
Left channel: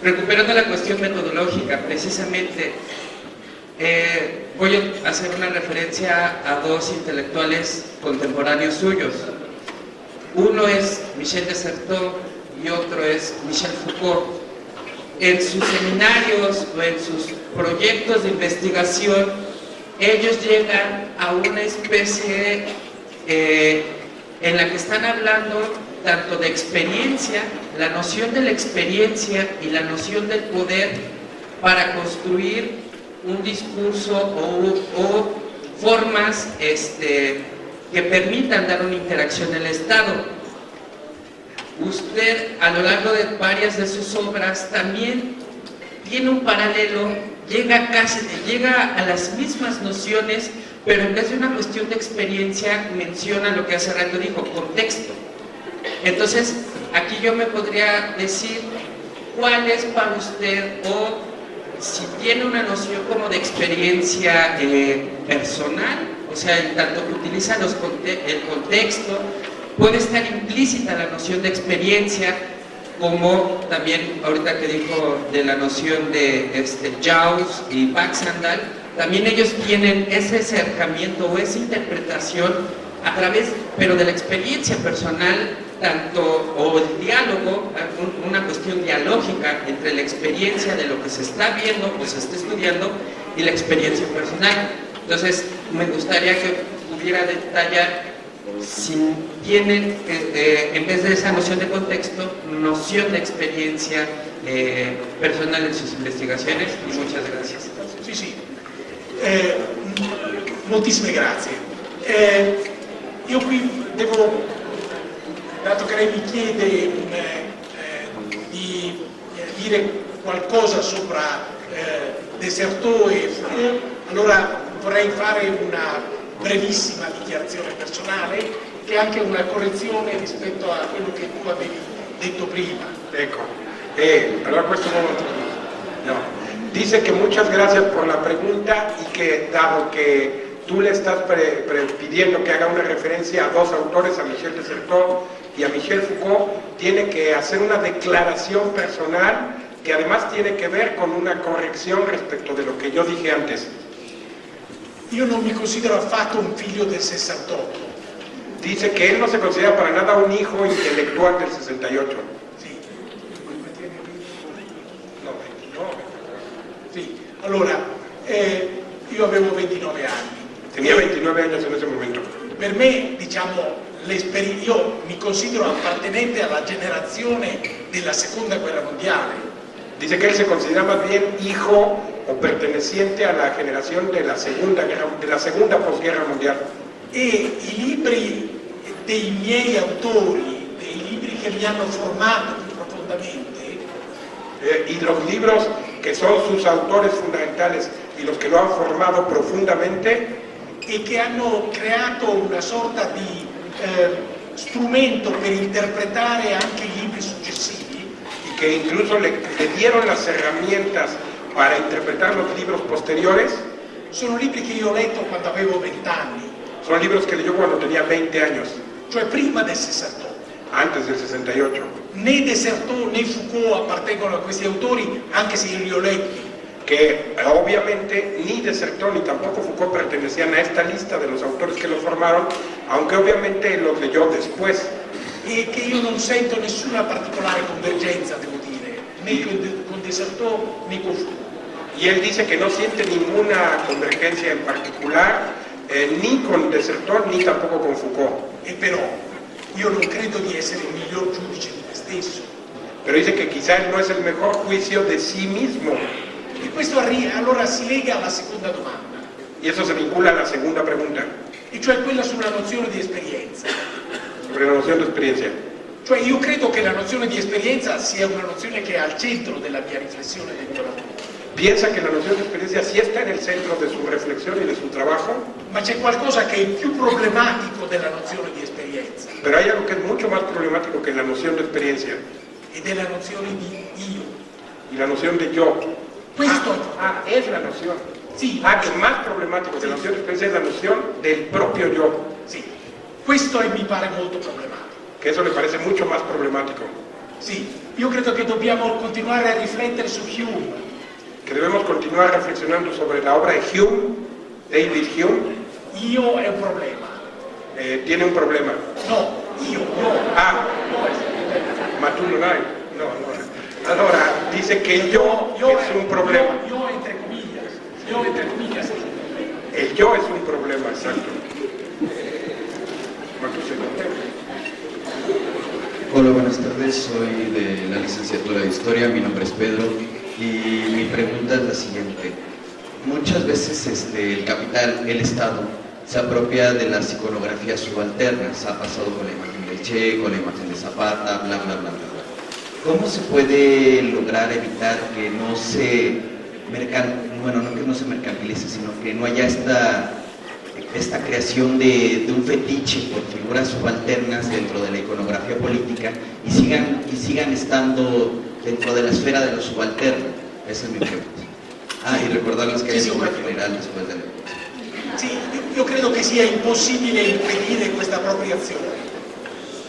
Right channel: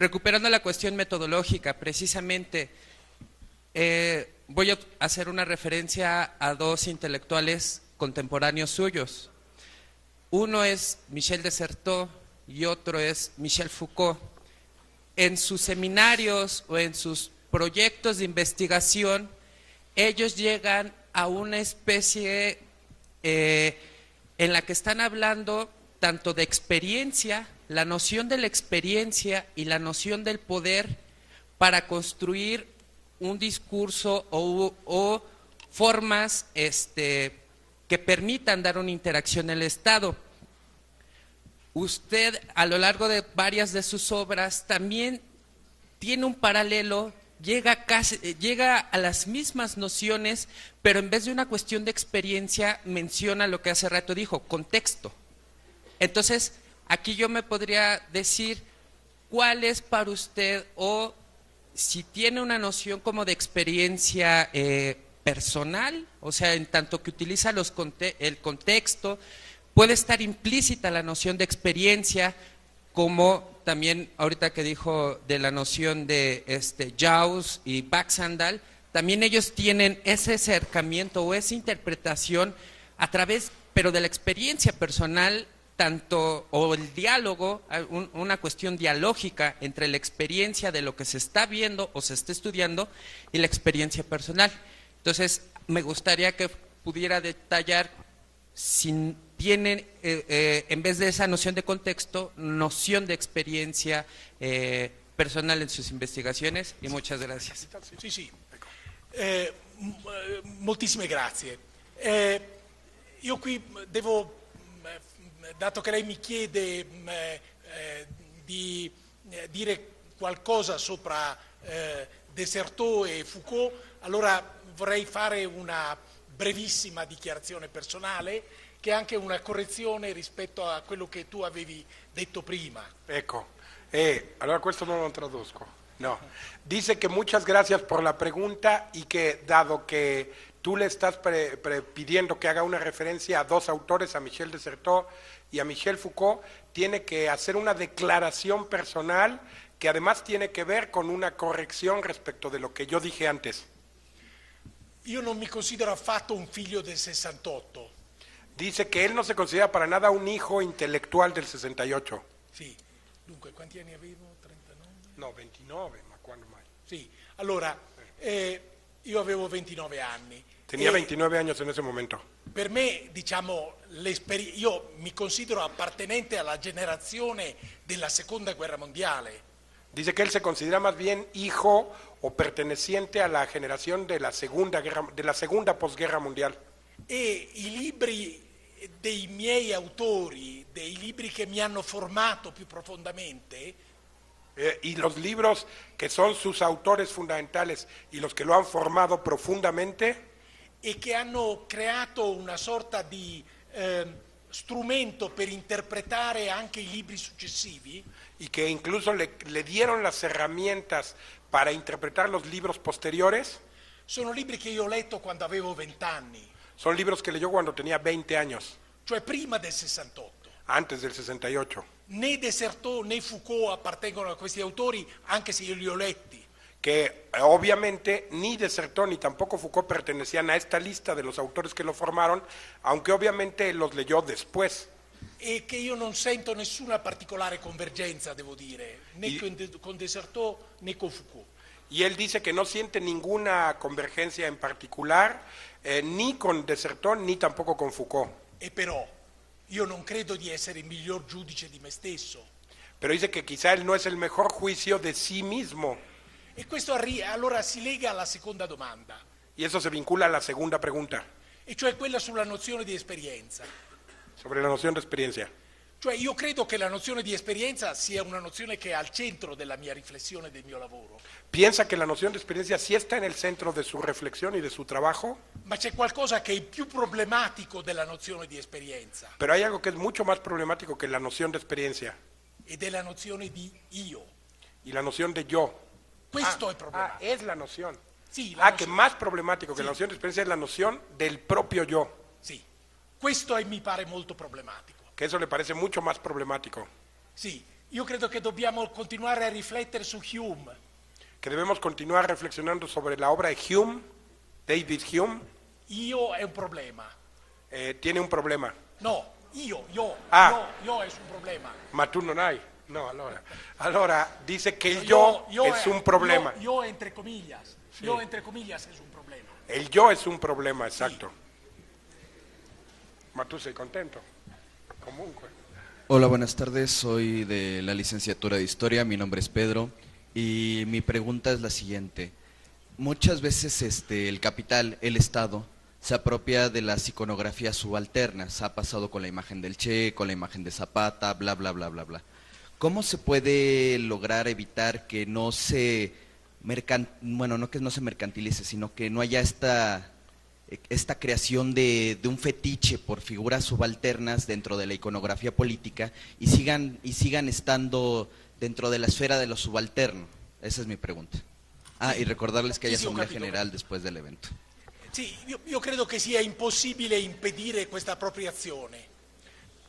recuperando la cuestión metodológica, precisamente, voy a hacer una referencia a dos intelectuales contemporáneos suyos. Uno es Michel de Certeau y otro es Michel Foucault. En sus seminarios o en sus proyectos de investigación, ellos llegan a una especie en la que están hablando tanto de experiencia, la noción de la experiencia y la noción del poder para construir un discurso o formas que permitan dar una interacción en el Estado. Usted, a lo largo de varias de sus obras, también tiene un paralelo, llega a las mismas nociones, pero en vez de una cuestión de experiencia, menciona lo que hace rato dijo, contexto. Entonces, aquí yo me podría decir cuál es para usted, o si tiene una noción como de experiencia personal, o sea, en tanto que utiliza el contexto, puede estar implícita la noción de experiencia, como también ahorita que dijo de la noción de Jaws y Baxandal, también ellos tienen ese acercamiento o esa interpretación a través, pero de la experiencia personal, o el diálogo, una cuestión dialógica entre la experiencia de lo que se está viendo o se está estudiando y la experiencia personal. Entonces, me gustaría que pudiera detallar si tienen, en vez de esa noción de contexto, noción de experiencia personal en sus investigaciones. Y muchas gracias. Sì, sì. Moltissime grazie. Io qui devo, dato che lei mi chiede di dire qualcosa sopra De Certeau e Foucault, allora vorrei fare una brevissima dichiarazione personale, che è anche una correzione rispetto a quello che tu avevi detto prima. Ecco, allora questo no. Dice que muchas gracias por la pregunta y que dado que tú le estás pidiendo que haga una referencia a dos autores, a Michel de Certeau y a Michel Foucault, tiene que hacer una declaración personal que además tiene que ver con una corrección respecto de lo que yo dije antes. Io non mi considero affatto un figlio del 68. Dice que él no se considera para nada un hijo intelectual del 68. Sì. Sì. Allora, io avevo 29 anni. Tenía 29 años en ese momento. Per me, diciamo, io mi considero appartenente alla generazione della seconda guerra mondiale. Dice que él se considera más bien hijo o perteneciente a la generación de la segunda posguerra mundial. E i libri dei miei autori, dei libri che mi hanno formato più profondamente, y los libros que son sus autores fundamentales y los que lo han formado profundamente, e che hanno creato una sorta di strumento per interpretare anche i libri successivi, y que incluso le dieron las herramientas para interpretar los libros posteriores. Sono libri che io ho letto quando avevo 20 anni. Son libros que leyó cuando tenía 20 años. Cioè prima del 68. Antes del 68. Né Desertot né Foucault appartengono a questi autori, anche se io li ho letti. Que obviamente ni Desertot ni tampoco Foucault pertenecían a esta lista de los autores que lo formaron, aunque obviamente los leyó después. E che io non sento nessuna particolare convergenza, devo dire, né con Desertot né con Foucault. Y él dice que no siente ninguna convergencia en particular, ni con Desertot ni tampoco con Foucault. E però io non credo di essere il miglior giudice di me stesso. Pero dice que quizás no es el mejor juicio de sí mismo. E questo allora si lega alla seconda domanda. Y eso se vincula a la segunda pregunta. E cioè quella sulla nozione di esperienza. Sobre la noción de experiencia. Cioè io credo che la nozione di esperienza sia una nozione che è al centro della mia riflessione del mio lavoro. Piensa que la noción de experiencia sí está en el centro de su reflexión y de su trabajo. Ma c'è qualcosa che è più problematico della nozione di esperienza. Pero hay algo que es mucho más problemático que la noción de experiencia. Ed è la nozione di io. Y la noción de yo. Questo es la noción. Sì. Que es más problemático que la noción de experiencia es la noción del propio yo. Sì. Questo mi pare molto problematico. Que eso le parece mucho más problemático. Sì. Io credo che dobbiamo continuare a riflettere su Hume. Que debemos continuar reflexionando sobre la obra de Hume, David Hume. Io è un problema. Tiene un problema. No, io no. Ma tu non hai. No. Allora, dice que yo es un problema. Yo entre comillas. El yo es un problema, exacto. Hola, buenas tardes. Soy de la licenciatura de Historia. Mi nombre es Pedro. Y mi pregunta es la siguiente. Muchas veces el capital, el Estado, se apropia de las iconografías subalternas. Ha pasado con la imagen de Che, con la imagen de Zapata, bla, bla, bla, bla. ¿Cómo se puede lograr evitar que no se mercantilice, sino que no haya esta creación de un fetiche por figuras subalternas dentro de la iconografía política y sigan estando dentro de la esfera de lo subalterno? Esa es mi pregunta. Y recordarles que hay una general después del evento. Sì, io credo che sia impossibile impedire questa appropriazione.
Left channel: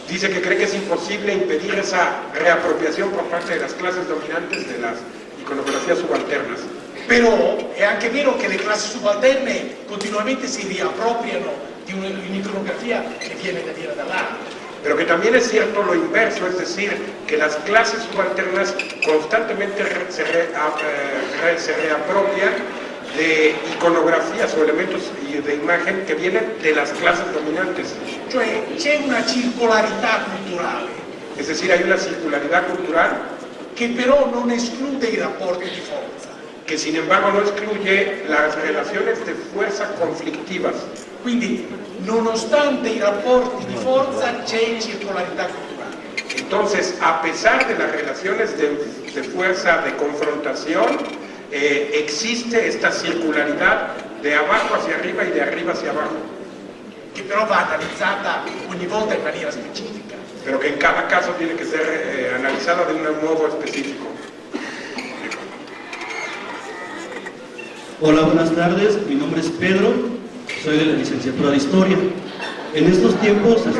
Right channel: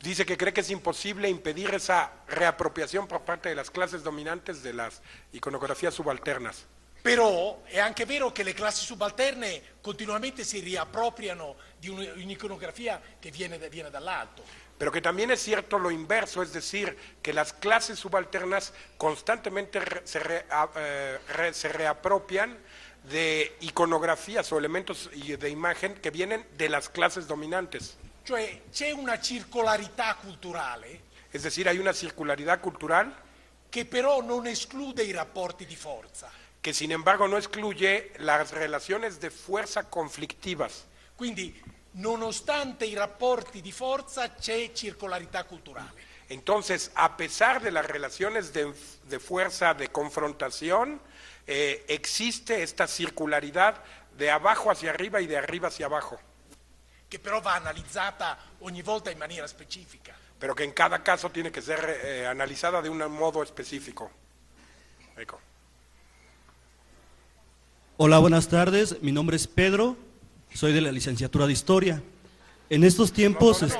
Dice que cree que es imposible impedir esa reapropiación por parte de las clases dominantes de las iconografías subalternas. Però è anche vero che le classi subalterne continuamente si riappropriano di un'iconografia che viene da dire dall'alto. Pero que también es cierto lo inverso, es decir, que las clases subalternas constantemente se reapropian de iconografías o elementos de imagen que vienen de las clases dominantes. Cioè c'è una circolarità culturale. Es decir, hay una circularidad cultural che però non esclude i rapporti di forza. Que sin embargo no excluye las relaciones de fuerza conflictivas. Quindi, nonostante i rapporti di forza, c'è circolarità culturale. Entonces, a pesar de las relaciones de fuerza, de confrontación, existe esta circularidad de abajo hacia arriba y de arriba hacia abajo. Che però va analizzata ogni volta in maniera specifica. Pero que en cada caso tiene que ser analizada de un modo específico. Hola, buenas tardes. Mi nombre es Pedro. Soy de la licenciatura de Historia. En estos tiempos, ¿Dónde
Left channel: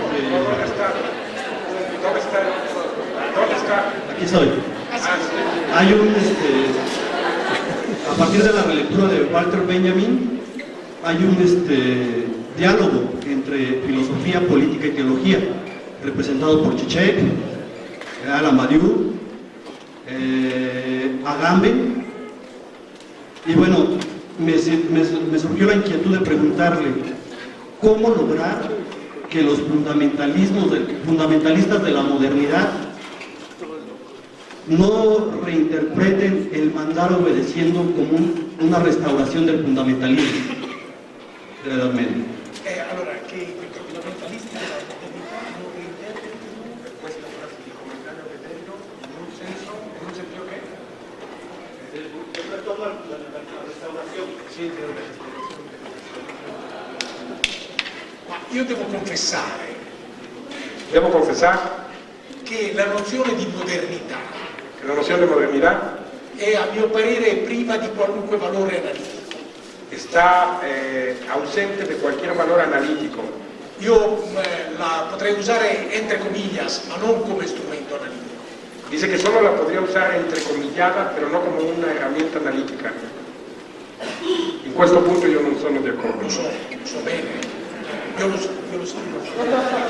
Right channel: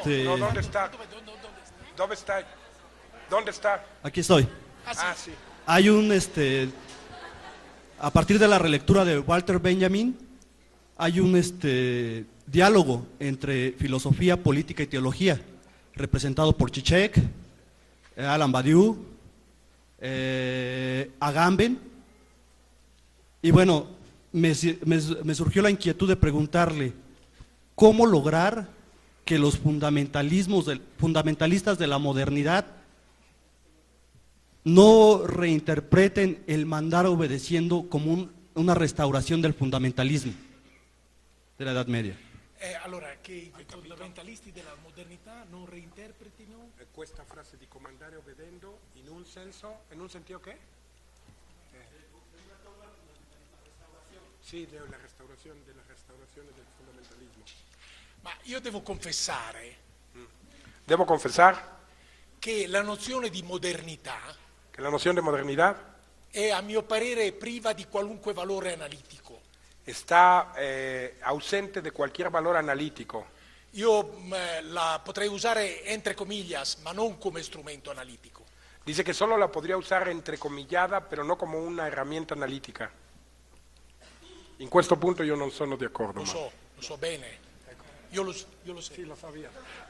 está? Aquí soy. Hay a partir de la relectura de Walter Benjamin, hay un diálogo entre filosofía, política y teología, representado por Zizek, Alamariu, Agamben. Y bueno, me surgió la inquietud de preguntarle cómo lograr que los fundamentalistas de la modernidad no reinterpreten el mandar obedeciendo como una restauración del fundamentalismo. Allora, che i fundamentalisti della modernità non reinterpretino questa frase di commentare obedendo in un senso che el retorno a la restauración. Sì, ma io devo confessare Devo confesar che la nozione di modernità que la noción de modernidad è a mio parere priva di qualunque valore analitico. Está ausente de cualquier valor analítico. Io la potrei usare entre comillas, ma non come strumento analitico. Dice que solo la podría usar entrecomillada, pero no como una herramienta analítica. In questo punto io non sono d'accordo. Lo so bene. Io lo so.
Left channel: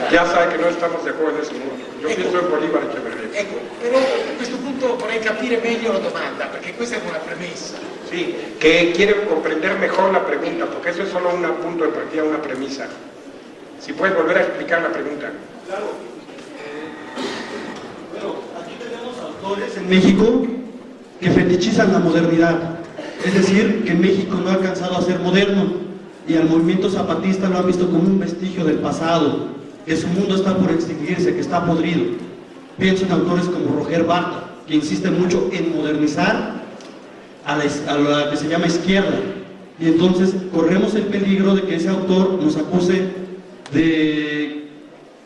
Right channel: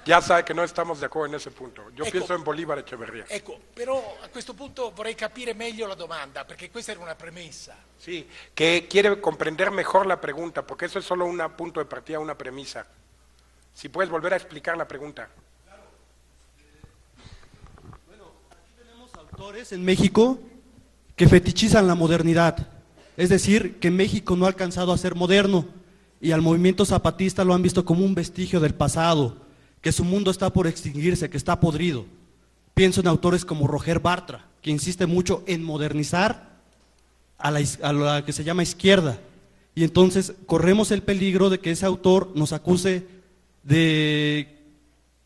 Ya sabe que no estamos de acuerdo en este punto. Yo sí soy Bolívar y Emergenza. Ecco, però a questo punto vorrei capire meglio la domanda, perché questa è una premessa. Sí, que quiero comprender mejor la pregunta, porque eso es solo un punto de partida, una premisa. Si puede volver a explicar la pregunta. Claro. Bueno, aquí tenemos autores en México que fetichizan la modernidad. Es decir, que México no ha alcanzado a ser moderno y al movimiento zapatista lo han visto como un vestigio del pasado, que su mundo está por extinguirse, que está podrido. Pienso en autores como Roger Bartra, que insisten mucho en modernizar a la que se llama izquierda, y entonces corremos el peligro de que ese autor nos acuse de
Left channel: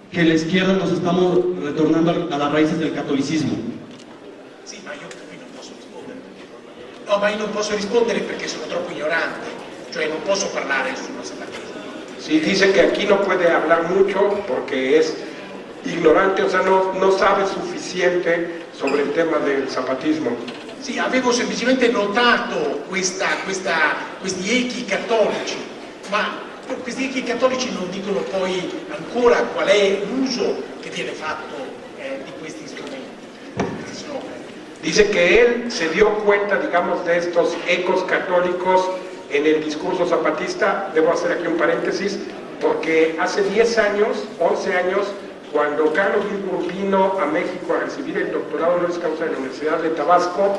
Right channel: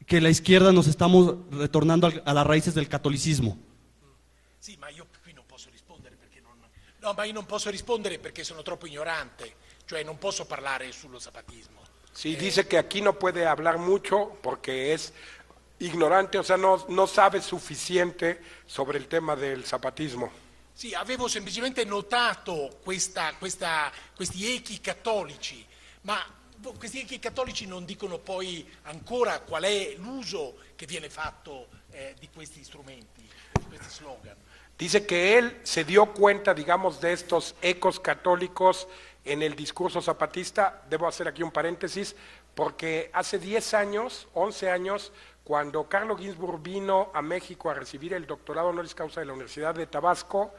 que la izquierda nos estamos retornando a las raíces del catolicismo. Sì, ma io qui non posso rispondere. No, ma io non posso rispondere perché sono troppo ignorante, cioè non posso parlare su questo argomento. Sí, dice que aquí no puede hablar mucho porque es ignorante, o sea, no sabe suficiente sobre el tema del zapatismo. Sì, avevo semplicemente notato questi echi cattolici, ma questi echi cattolici non dicono poi ancora qual è l'uso che viene fatto di questi strumenti. Dice que él se dio cuenta, digamos, de estos ecos católicos en el discurso zapatista. Debo hacer aquí un paréntesis, porque hace 10 años, 11 años, cuando Carlos Guilburg vino a México a recibir el doctorado honoris causa de la Universidad de Tabasco,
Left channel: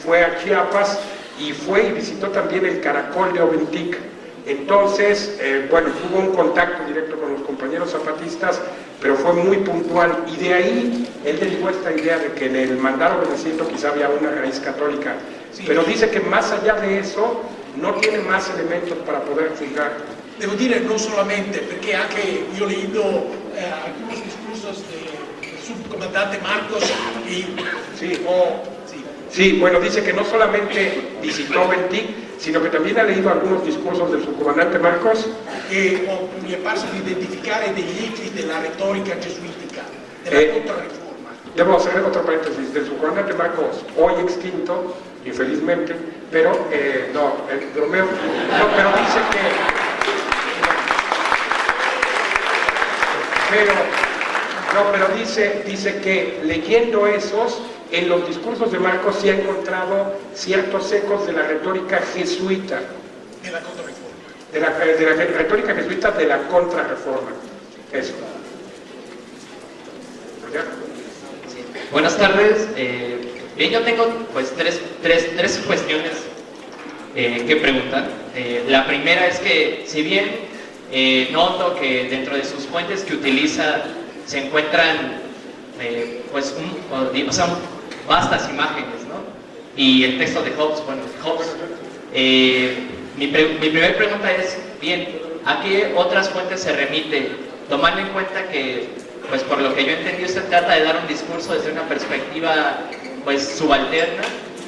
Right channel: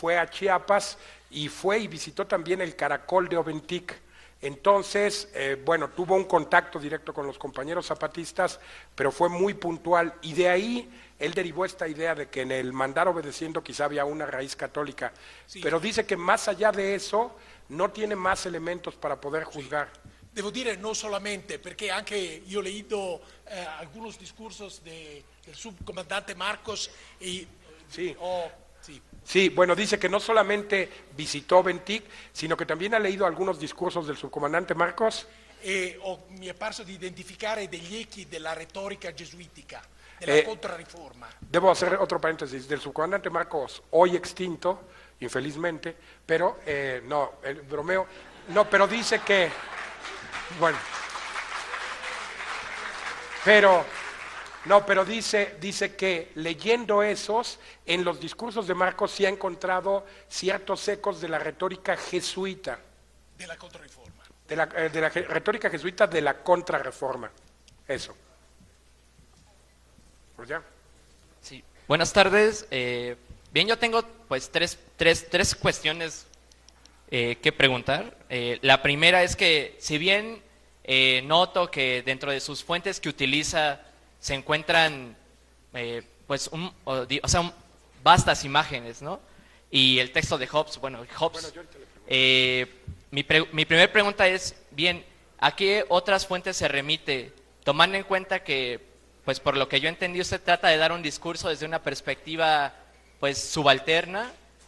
fue a Chiapas y fue y visitó también el Caracol de Oventic. Entonces, bueno, tuvo un contacto directo con los compañeros zapatistas, pero fue muy puntual, y de ahí él derivó esta idea de que en el mandato del siglo quizá había una raíz católica. Pero dice que más allá de eso no tiene más elementos para poder juzgar. Devo dire non solamente, perché anche io leído alcuni discursos del subcomandante Marcos y Sí, bueno, dice que no solamente visitó Ventic, sino que también ha leído algunos discursos del subcomandante Marcos. E mi è parso di identificare degli echi della retorica gesuitica, della contrarreforma. Debo hacer otro paréntesis, del subcomandante Marcos, hoy extinto, infelizmente, pero pero dice que... Pero dice que leyendo esos, en los discursos de Marcos se ha encontrado ciertos ecos de la retórica jesuita. De la contrarreforma. De la retórica jesuita de la contrarreforma. Eso. Buenas tardes. Bien, yo tengo pues tres cuestiones que preguntar. La primera es que, si bien noto que dentro de sus fuentes que utiliza se encuentran vastas imágenes, ¿no? Y el texto de Hobbes, mi primera pregunta es, bien, ¿a qué otras fuentes se remite? Tomando en cuenta que, pues por lo que yo entendí, se trata de dar un discurso desde una perspectiva pues subalterna,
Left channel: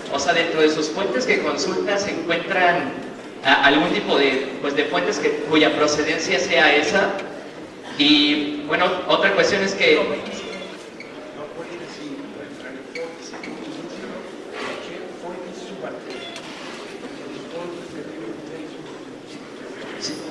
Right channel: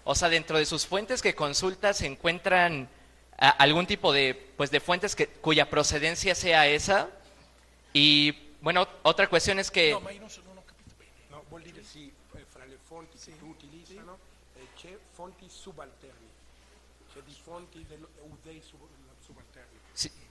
o sea, dentro de sus fuentes que consulta se encuentran algún tipo de fuentes cuya procedencia sea esa. Y bueno, otra cuestión es que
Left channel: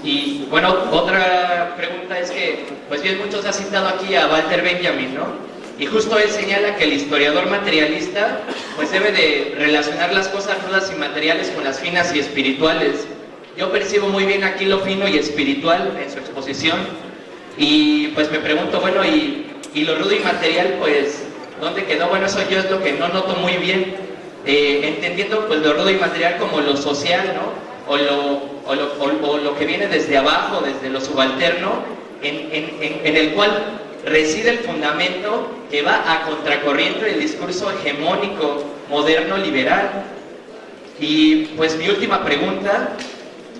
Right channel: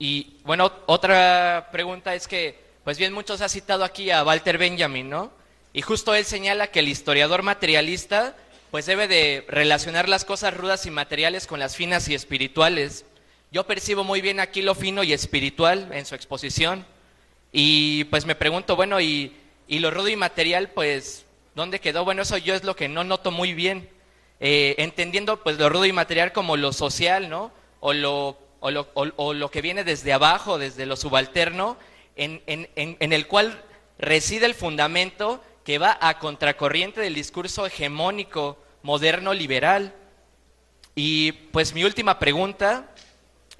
y bueno, otra pregunta es que, pues bien, muchos han citado aquí a Walter Benjamin, ¿no? Y justo él señala que el historiador materialista pues debe de relacionar las cosas rudas y materiales con las finas y espirituales. Yo percibo muy bien aquí lo fino y espiritual en su exposición, y pues me pregunto, bueno, y lo rudo y material, pues, ¿dónde quedó? Bueno, eso yo es lo que no noto muy bien, entendiendo pues lo rudo y material como lo social, ¿no? O lo que viene desde abajo, desde lo subalterno, en el cual reside el fundamento que va a contracorriente del discurso hegemónico moderno liberal. Y pues mi última pregunta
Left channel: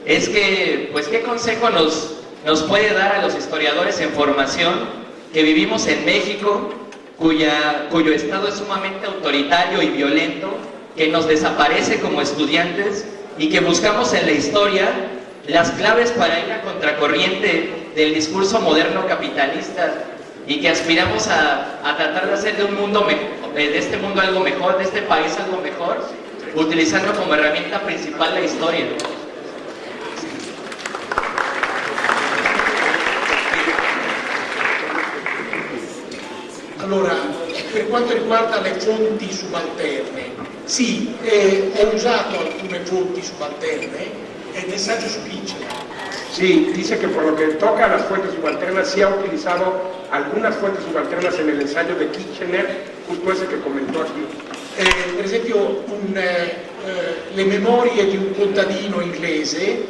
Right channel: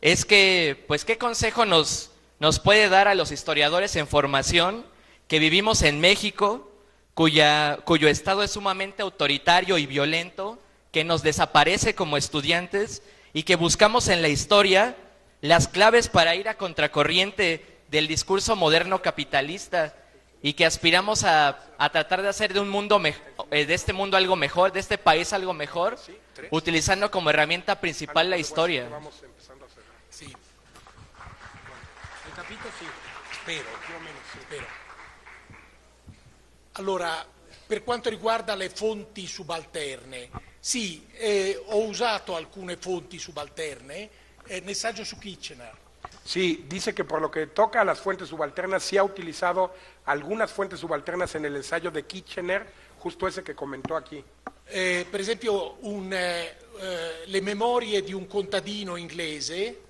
es que, pues, ¿qué consejo nos puede dar a los historiadores en formación que vivimos en México, cuyo estado es sumamente autoritario y violento, que nos desaparece como estudiantes y que buscamos en la historia las claves para ir a contracorriente del discurso moderno capitalista y que aspiramos a tratar de hacer de un mundo de este mundo algo mejor, de este país algo mejor, utilizando como herramienta principal la historia. Allora, per quanto riguarda le fonti subalterne, sì, ho usato alcune fonti subalterne nel saggio su Kitchener. Sí, dice que por lo que toca a las fuentes subalternas, sí ha utilizado algunas fuentes subalternas en el ensayo de Kitchener, justo ese que comentó aquí. Per esempio, le memorie di un contadino inglese,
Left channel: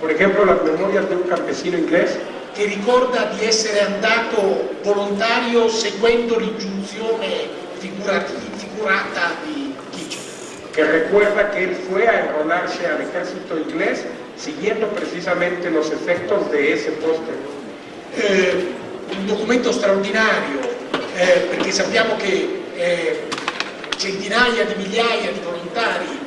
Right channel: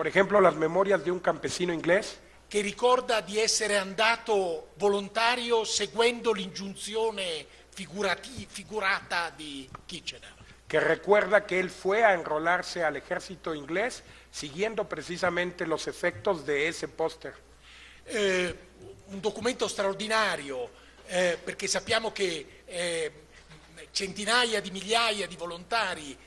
por ejemplo, las memorias de un campesino inglés, che ricorda di essere andato volontario seguendo l'ingiunzione figurata di Kitchener. Que recuerda que él fue a enrolarse al ejército inglés siguiendo precisamente los efectos de ese póster. Un documento straordinario, perché sappiamo che centinaia di migliaia di volontari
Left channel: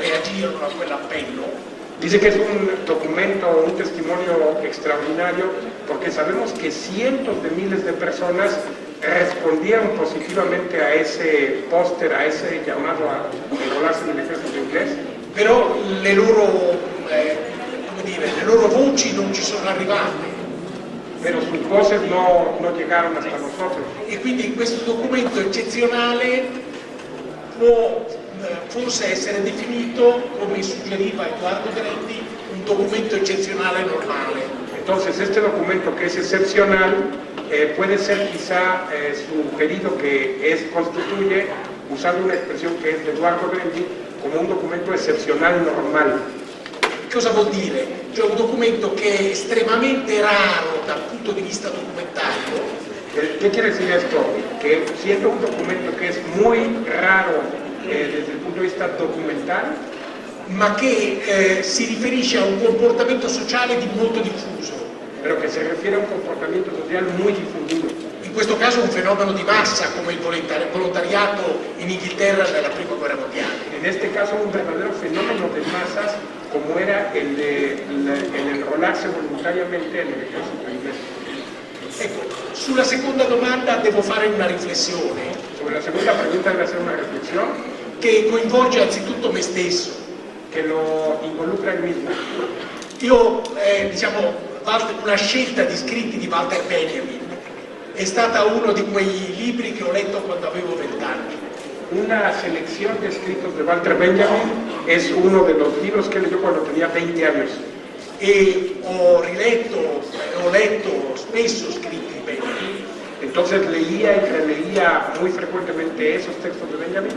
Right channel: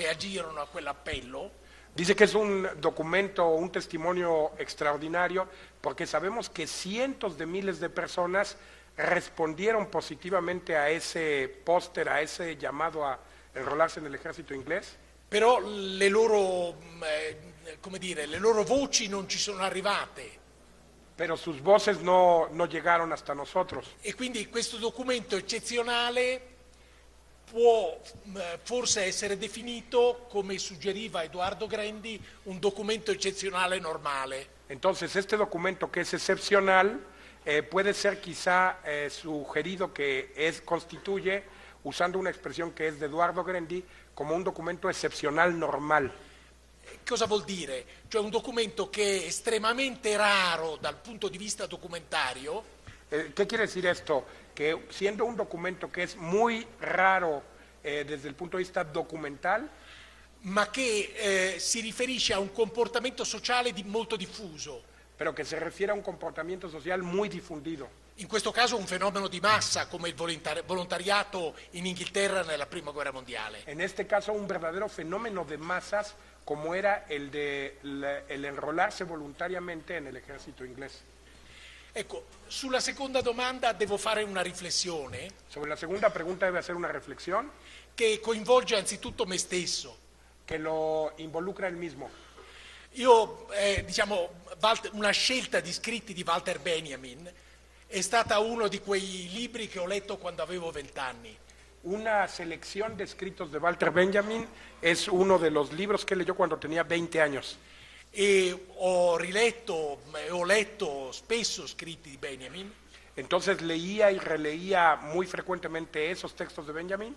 reagirono a quell'appello. Dice que es un documento, un testimonio extraordinario, porque sabemos que cientos de miles de personas respondieron positivamente a ese póster, a ese llamado a enrolarse en el ejército inglés. Però le loro voci non ci sono arrivate. Pero sus voces no llegaron hasta nosotros. E quindi questo documento eccezionale può forse essere definito, come suggeriva Edoardo Peretti, un documento eccezionale normale. Entonces este documento que es excepcional puede ser quizá sugerido que constituye, usando una expresión que es de Eduardo Peretti, como un documento excepcional normal. Cosa vuol dire? Cioè un documento che è estremamente raro dal punto di vista documentario. ¿Qué quiere decir esto? Que siendo un documento que es muy raro desde il punto di vista documental, ma che si riferisce a un comportamento sociale di molto diffuso. Pero que se refiere a un comportamento social muy difundido. In questo caso un fenomeno di massa come il volontariato in Inghilterra nella prima guerra mondiale. En este caso un verdadero fenómeno de masas como era el enrolarse voluntariamente en el ejército inglés. Ecco, sulla seconda domanda devo fare una riflessione. Sobre la segunda pregunta debe hacer una reflexión che coinvolge anzitutto me stesso. Che lo involucra il mismo. Io, una scelta di scritti di Walter Benjamin è stata uno di quei libri che ho letto quando avevo 20 anni. Una selección de escritos de Walter Benjamin es uno de los libros que leyó cuando tenía 20 años. E ho letto spesso scritti di Benjamin. Entonces leía y releía muy frecuentemente esos textos de Benjamin.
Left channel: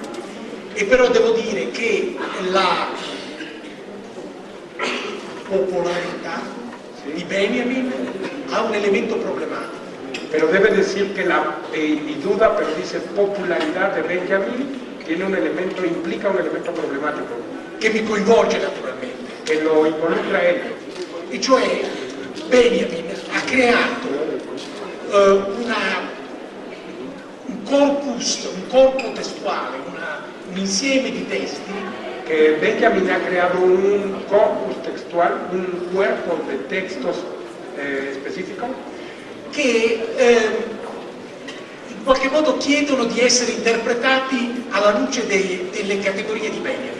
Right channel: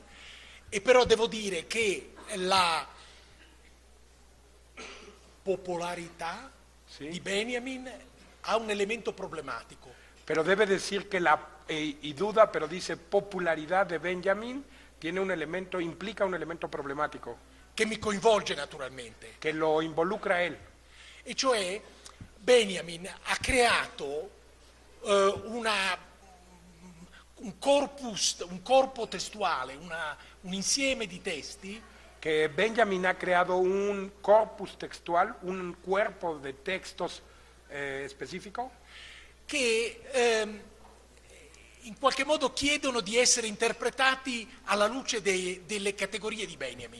E però devo dire che la popolarità di Benjamin ha un elemento problematico. Pero debe decir que y duda, pero dice popularidad de Benjamin tiene un elemento, implica un elemento problemático. Che mi coinvolge naturalmente. Que lo involucra a él. E cioè Benjamin ha creato un corpo testuale, un insieme di testi. Que Benjamin ha creado un corpus textual, un cuerpo de textos específico. Che in qualche modo chiedono di essere interpretati alla luce delle categorie di Benjamin.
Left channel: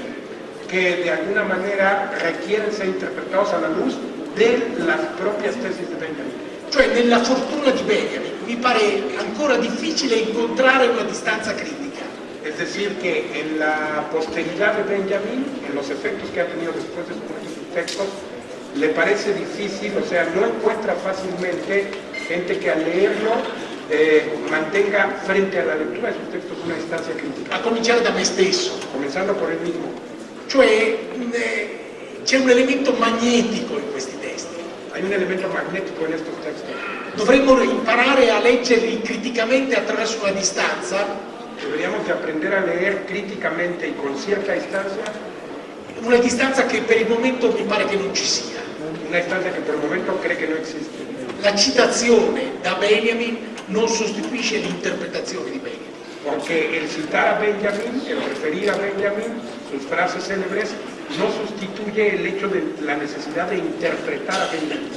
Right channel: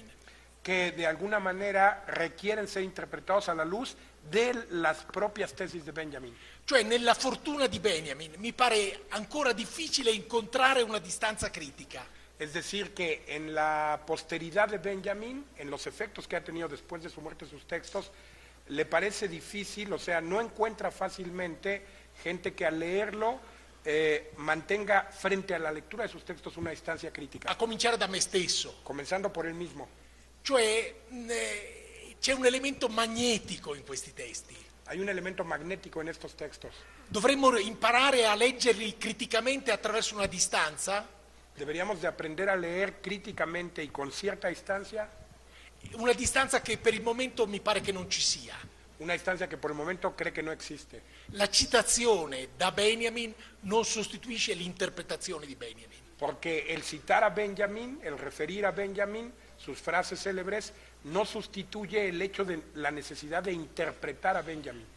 Que de alguna manera requieren ser interpretados a la luz de las propias tesis de Benjamin. Cioè nella fortuna di Benjamin mi pare ancora difficile incontrare una distanza critica. Es decir, que en la posteridad de Benjamin, en los efectos que ha tenido después de sus textos, le parece difícil, o sea, no encuentra fácilmente gente que al leerlo mantenga frente a la lectura de sus textos una distancia crítica. A cominciare da me stesso. Comenzando por él mismo. Cioè c'è un elemento magnetico in questi testi. Hay un elemento magnético en estos textos. Dovremmo imparare a leggerli criticamente attraverso una distanza. Deberíamos de aprender a leer críticamente y con cierta distancia. Una distanza che per il momento mi pare che non ci sia. Una distancia che per il momento cree che non esiste. La citazione da Benjamin non sostituisce l'interpretazione di Benjamin. porque el citar a Benjamin, el referir a Benjamin, sus frases célebres, no sustituye el hecho de la necesidad de interpretar a Benjamin.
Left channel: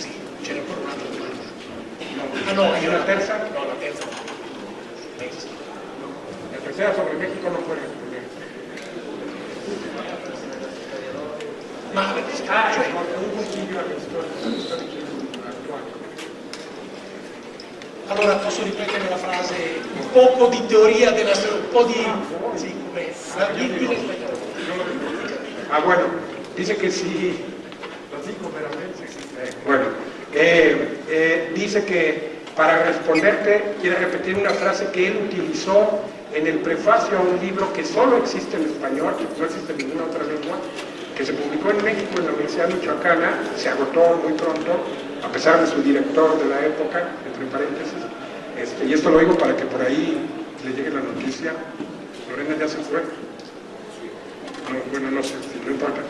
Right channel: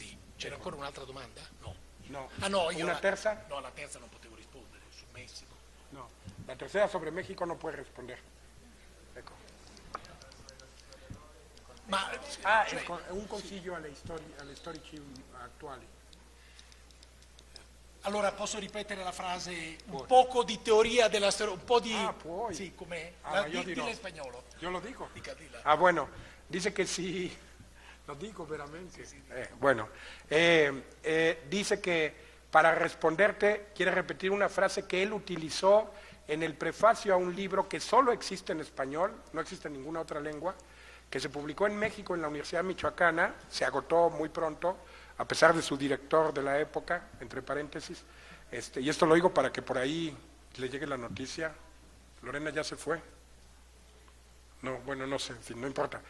Sí, c'era ancora un'altra domanda. ¿Y la tercera? No, la terza. La tercera sobre México no fue. Allora posso ripetere la frase, un poco di teoria della un po' di... Sì, bueno, dice que sí, lo digo veramente, bueno, dice que para responderte quiere repetir una frase que él utilizó en el prefacio a un libro que solo existe en español, que no existe en ninguna otra lengua, que se publicó en México en la Universidad Michoacana, se agotó muy pronto, a pesar de su director de la época, entre paréntesis, y eso lo digo para que por ahí le llegue la noticia. Lorena ya se fue. Bueno, no sé, no importa.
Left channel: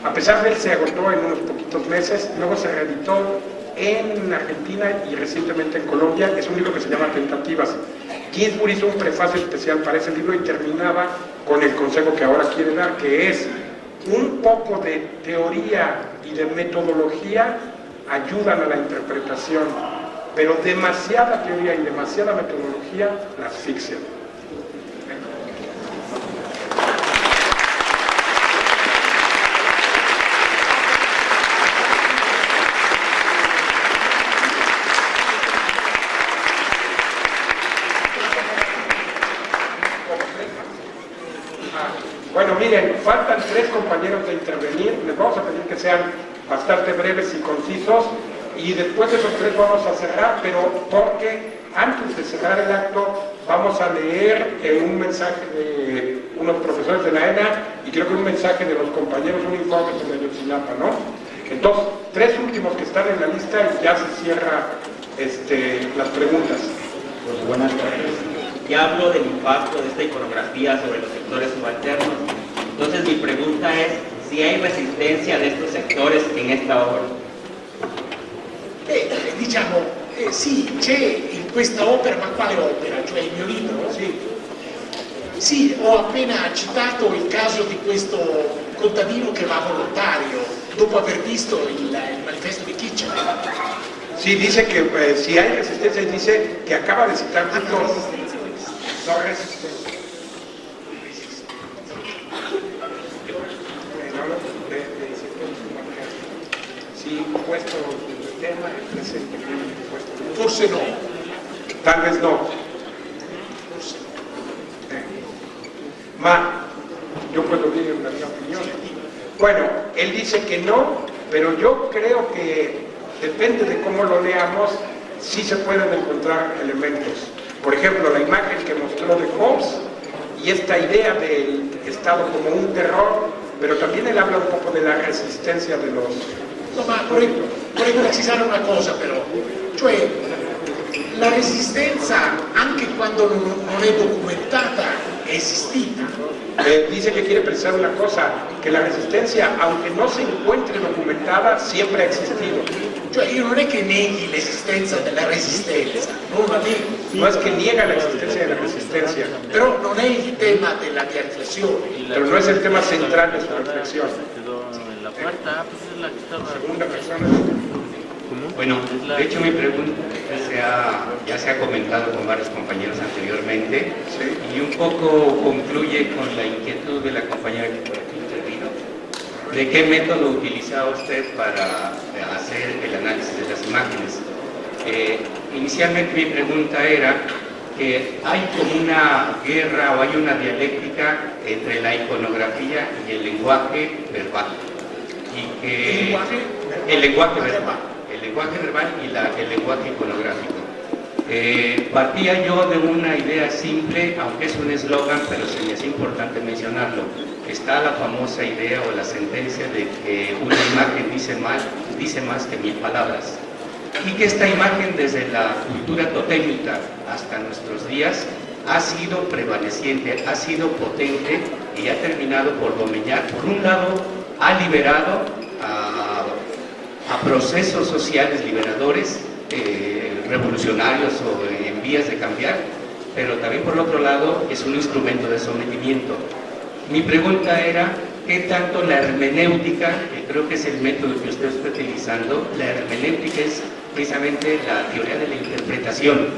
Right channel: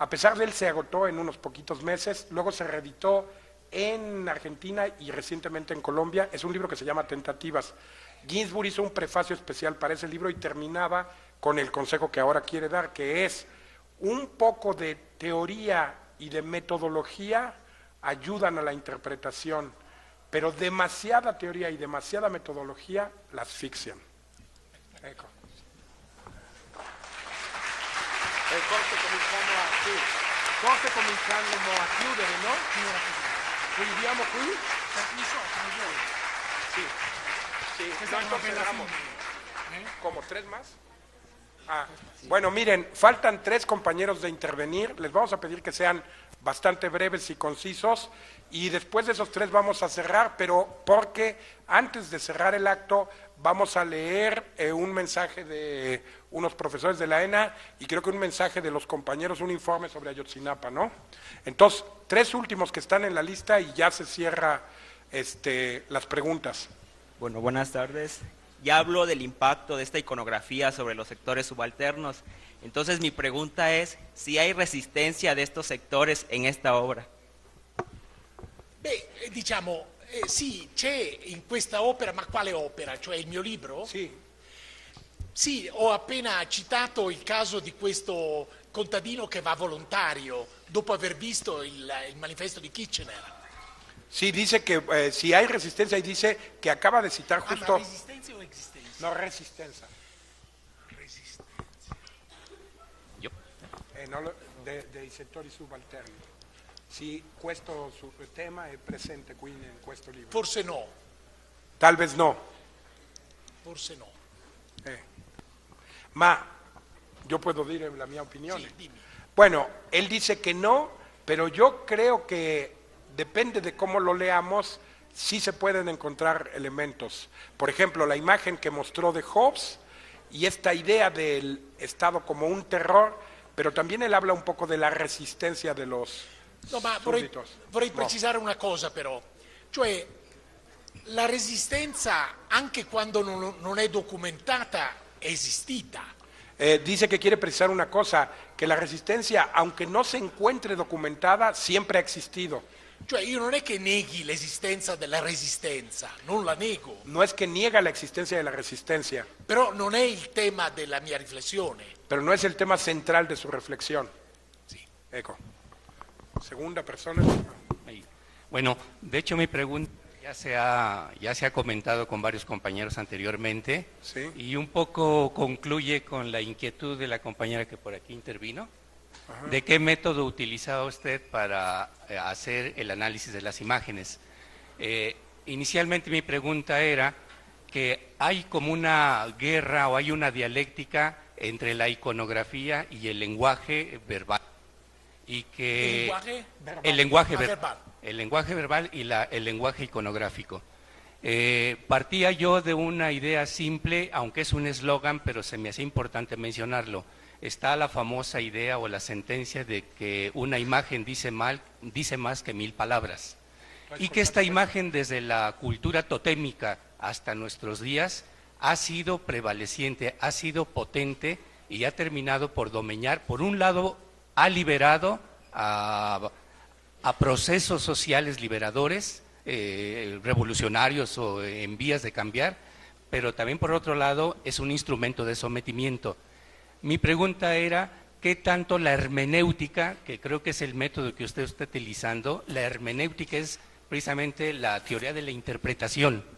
A pesar de él se agotó en unos poquitos meses, luego se reeditó en Argentina y recientemente en Colombia. Es un libro que se llama Tentativas. Ginsburg hizo un prefacio especial para ese libro y terminaba con el consejo que ahora quiere dar, que es un poco de teoría y de metodología ayudan a la interpretación, pero demasiada teoría y demasiada metodología la asfixian. Bueno, miren, faltan 3 compañeros de intervenir, les vamos a pedir que sean bastante breves y concisos, y después de los 3 vamos a cerrar, pero porque antes de cerrar el acto vamos a leer un mensaje de unos profesores de la ENA y creo que un mensaje de los compañeros de un informe de Ayotzinapa, ¿no? Entonces, 3 últimos que están en la lista y ya se cierra las preguntas. Pues buenas tardes. Ya hablo del impacto de esta iconografía sobre los sectores subalternos. Entonces mi pregunta es si hay resistencia de estos sectores en esta obra. Diciamo, sì, c'è in questa opera, ma quale opera? Cioè il mio libro? Sì, ho appena citato il caso di questo contadino che va volontario dopo aver visto il manifesto di Kitchener. Sí, dice que si hay resistencia, dice que acaba de citar justo... No resistencia. Sí, questo tema è presente. Forse no. Tal vez no. Ma yo puedo decir una opinión. Bueno, él dice que no, pero yo creo que depende de cómo lo leamos, sí se pueden encontrar elementos. Por ejemplo, la imagen que mostró de Fox y esta idea del Estado como un terror, pero también él habla un poco de la resistencia de los... No, ma vorrei precisare una cosa però, cioè la resistenza anche quando non è documentata è esistita. Dice que quiere precisar una cosa, que la resistencia, aunque no se encuentre documentada, siempre ha existido. Cioè io non è che neghi l'esistenza della resistenza, non la nego. No es que niega la existencia de la resistencia. Però non è il tema della mia riflessione. Pero no es el tema central de su reflexión. Bueno, de hecho mi pregunta ya se ha comentado con varios compañeros anteriormente y un poco concluye con la inquietud de la compañera que intervino. ¿De qué método utilizaba usted para hacer el análisis de las imágenes? Inicialmente mi pregunta era que hay como una guerra o hay una dialéctica entre la iconografía y el lenguaje verbal. Y que el lenguaje verbal y el lenguaje iconográfico. Partía yo de una idea simple, aunque es un eslogan, pero se me es importante mencionarlo. Está la famosa idea o la sentencia de que una imagen dice más que 1000 palabras. Y que esta imagen desde la cultura totémica hasta nuestros días ha sido prevaleciente, ha sido potente y ha terminado por dominar. Por un lado, ha liberado a procesos sociales liberadores revolucionarios o en vías de cambiar, pero también por otro lado es un instrumento de sometimiento. Mi pregunta era, ¿qué tanto la hermenéutica, que creo que es el método que usted está utilizando, la hermenéutica es precisamente la teoría de la interpretación,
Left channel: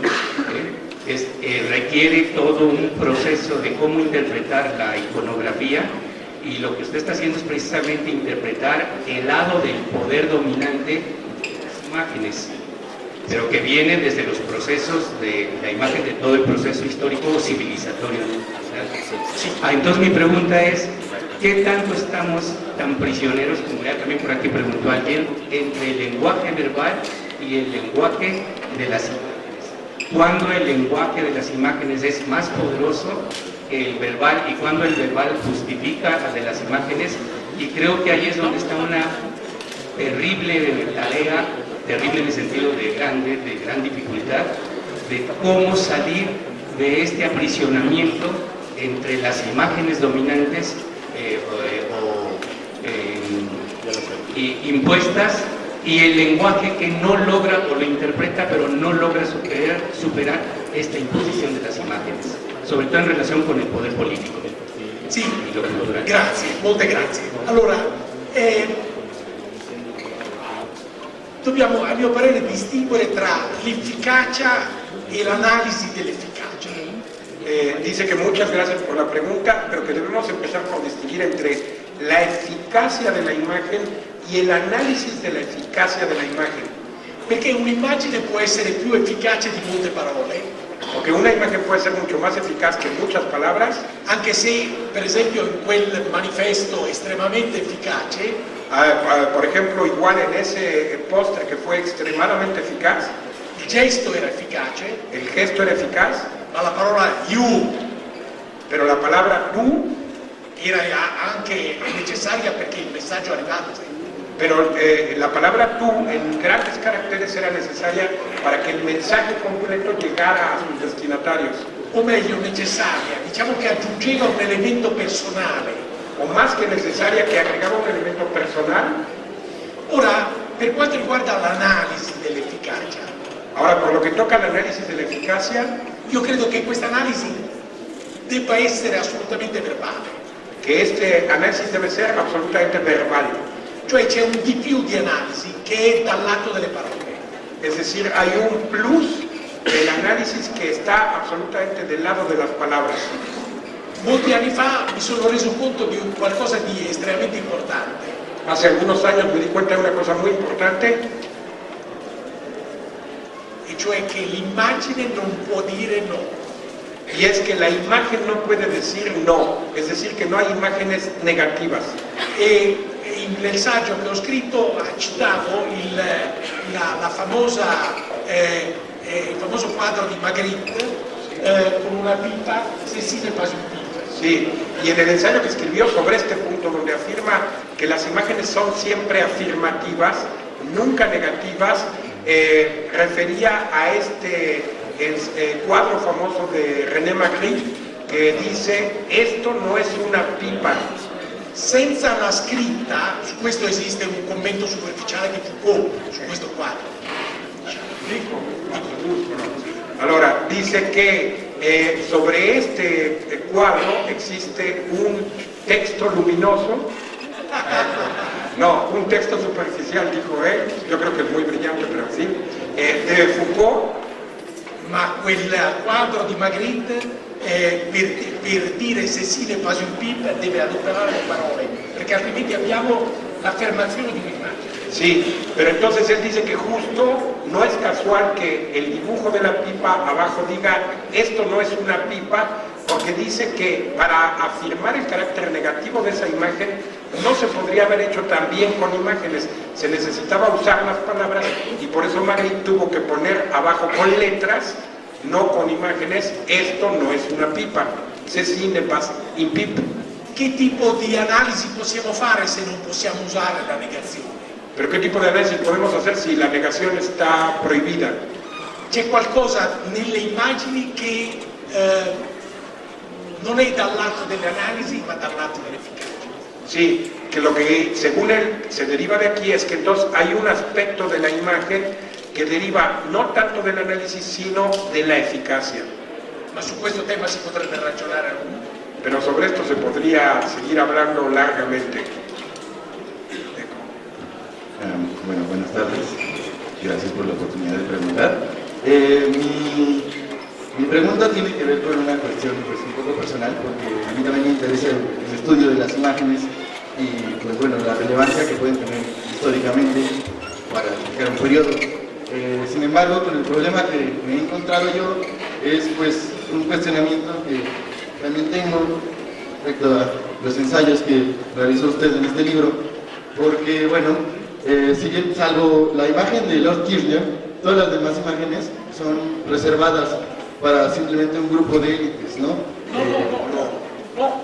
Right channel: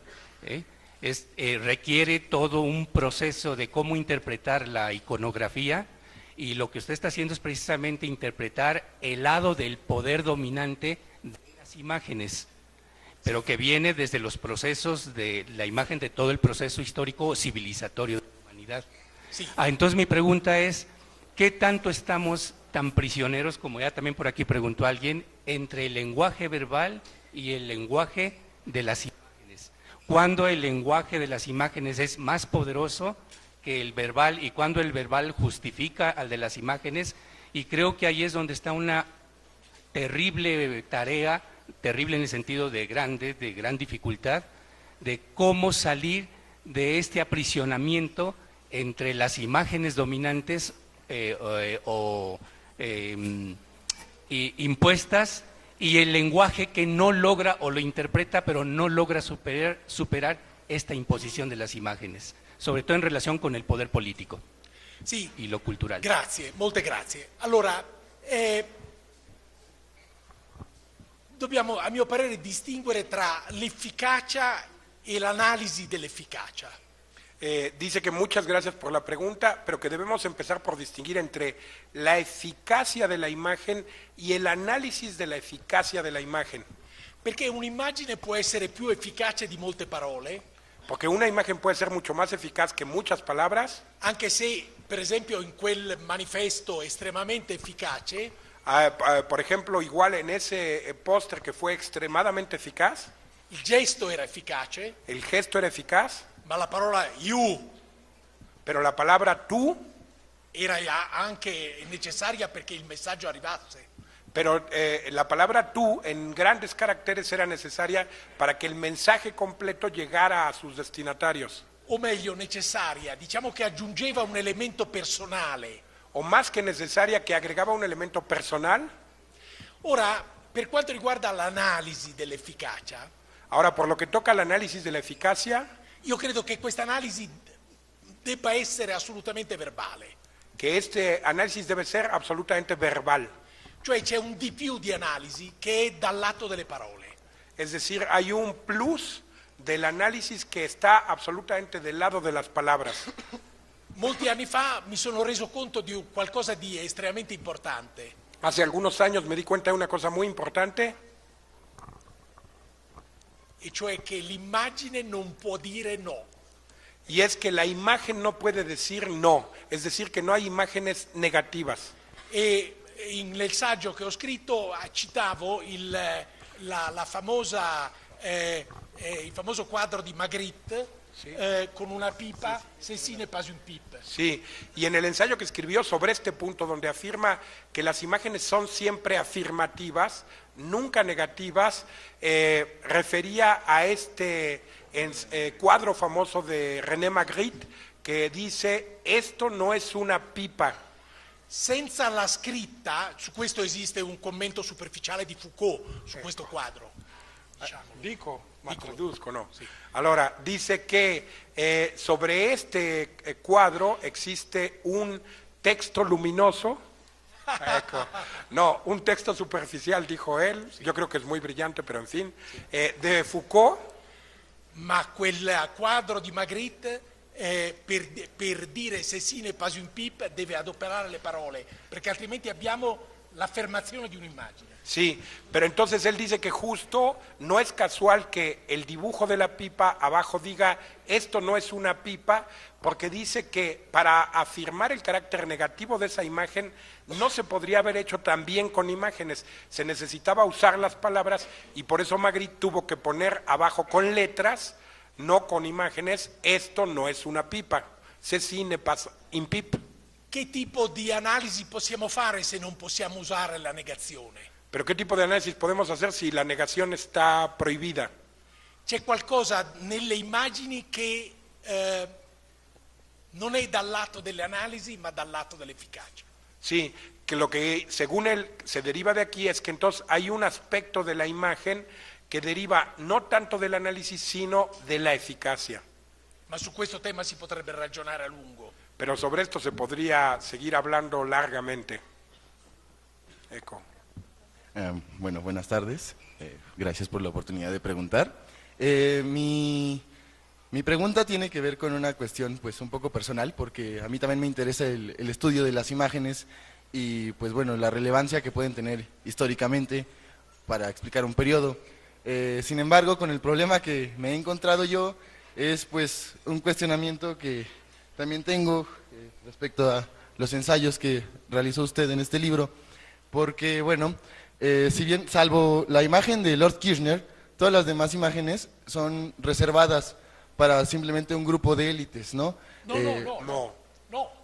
requiere todo un proceso de cómo interpretar la iconografía, y lo que usted está haciendo es precisamente interpretar el lado del poder dominante de las imágenes, pero que viene desde los procesos de la imagen, de todo el proceso histórico civilizatorio. Entonces mi pregunta es, ¿qué tanto estamos tan prisioneros, como ya también por aquí preguntó alguien, entre el lenguaje verbal y el lenguaje de las imágenes? ¿Cuándo el lenguaje de las imágenes es más poderoso que el verbal y cuándo el verbal justifica al de las imágenes? Y creo que ahí es donde está una terrible tarea, terrible en el sentido de gran dificultad, de cómo salir de este aprisionamiento entre las imágenes dominantes impuestas y el lenguaje que no logra o lo interpreta pero no logra superar esta imposición de las imágenes, sobre todo en relación con el poder político. Sì, grazie, molte grazie. Allora, dobbiamo a mio parere distinguere tra l'efficacia e l'analisi dell'efficacia. Dice que muchas gracias por la pregunta, pero que debemos empezar por distinguir entre la eficacia de la imagen y el análisis de la eficacia de la imagen. Perché un'immagine può essere più efficace di molte parole. Porque una imagen puede ser mucho más eficaz que muchas palabras. Anche se, per esempio, in quel manifesto estremamente efficace, por ejemplo, igual en ese póster que fue extremadamente eficaz, il gesto era efficace, el gesto era eficaz, ma la parola you, pero la palabra tú era anche necessaria perché il messaggio era nato. Pero la palabra tú en grandes caracteres era necesaria para que el mensaje completo llegara a sus destinatarios. O meglio, necessaria, diciamo che aggiungeva un elemento personale. O más que necesaria, que agregaba un elemento personal. Ora, per quanto riguarda l'analisi dell'efficacia. Ahora, por lo que toca al análisis de la eficacia, io credo che questa analisi debba essere assolutamente verbale. Que este análisis debe ser absolutamente verbal. Cioè c'è un di più di analisi che è dal lato delle parole. Es decir, hay un plus del análisis que está absolutamente del lado de las palabras. Molti anni fa mi sono reso conto di qualcosa di estremamente importante. Hace algunos años me di cuenta de una cosa muy importante. E cioè che l'immagine non può dire no. Y es que la imagen no puede decir no. Es decir, que no hay imágenes negativas. E nel saggio che ho scritto ha citato il famoso quadro di Magritte con una pipa, Cécile pas une pipe. Sí, y en el ensayo que escribió sobre este punto, donde afirma que las imágenes son siempre afirmativas, nunca negativas, refería a este cuadro famoso de René Magritte, que dice, esto no es una pipa. Senza la scritta, su questo esiste un commento superficiale di Foucault, su questo quadro. Allora, dice que sobre este cuadro existe un texto luminoso, no, un texto superficial, dijo él, yo creo que es muy brillante, pero sí, de Foucault. Ma quel quadro di Magritte per dire Cécile pas une pipe deve adoperare le parole, perché altrimenti abbiamo l'affermazione di un'immagine. Sí, pero entonces él dice que justo no es casual que el dibujo de la pipa abajo diga esto no es una pipa, porque dice que para afirmar el carácter negativo de esa imagen no se podría haber hecho también con imágenes, se necesitaba usar las palabras y por eso Magritte tuvo que poner abajo con letras, no con imágenes, esto no es una pipa, ceci n'est pas une pipe. Che tipo di analisi possiamo fare se non possiamo usare la negazione? Pero ¿qué tipo de análisis podemos hacer si la negación está prohibida? C'è qualcosa nelle immagini che non è dal lato dell'analisi ma dal lato dell'efficacia. Sí, que lo que según él se deriva de aquí es que entonces hay un aspecto de la imagen que deriva no tanto del análisis, sino de la eficacia. Ma su questo tema si potrebbe ragionare a lungo. Pero sobre esto se podría seguir hablando largamente. Bueno, buenas tardes. Gracias por la oportunidad de preguntar. Mi pregunta tiene que ver con una cuestión pues, un poco personal, porque a mí también me interesa el estudio de las imágenes y pues, bueno, la relevancia que pueden tener históricamente para explicar un periodo. Sin embargo, con el problema que me he encontrado yo es pues un cuestionamiento que también tengo respecto a los ensayos que realizó usted en este libro, porque bueno, si bien salvo la imagen de Lord Kirchner, todas las demás imágenes son reservadas para simplemente un grupo de élites, ¿no? No,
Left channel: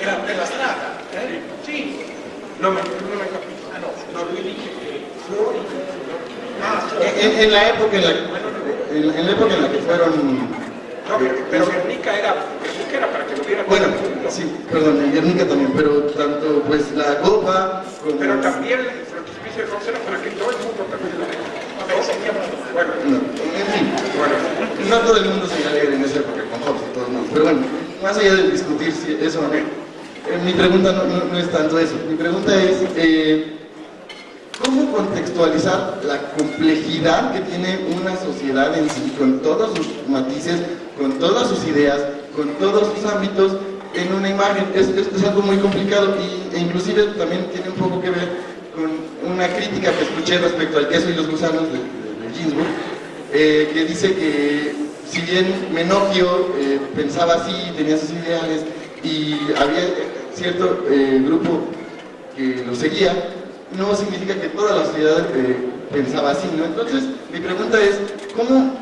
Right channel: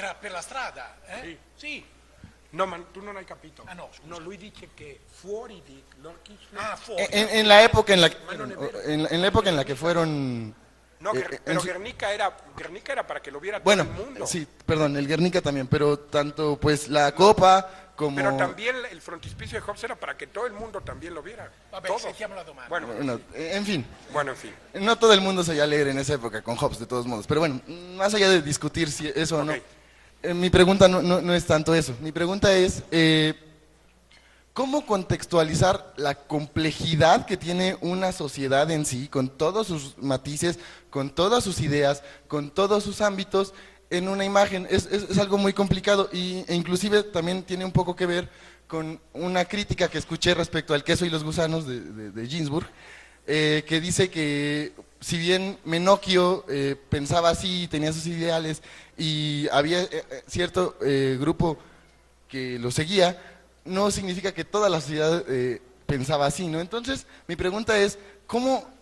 era per la strada, Sì. No me capito. No, lui dice che fuori... En la época en la que fueron... Pero Guernica era para que hubiera... Bueno, sí, perdón, en Guernica también, pero tanto pues la copa como... Pero también el frontispicio de Fox era para que todo el mundo también... Bueno, en fin, no todo el mundo sabía leer en esa época con Hobbes y todo el mundo, pero bueno, más allá de discutir si eso no, mi pregunta no es tanto eso, mi pregunta es ¿cómo contextualizar la complejidad que tiene una sociedad en sí, con todos sus matices, con todas sus ideas, con todos sus ámbitos, en una imagen? Es algo muy complicado e inclusive también tiene un poco que ver con una crítica que escuché respecto al queso y los gusanos de Ginsburg, que dice que si bien Menocchio pensaba así, tenía sus ideales y había cierto grupo que lo seguía, no significa que toda la sociedad pensaba así, ¿no? Entonces, mi pregunta es, ¿cómo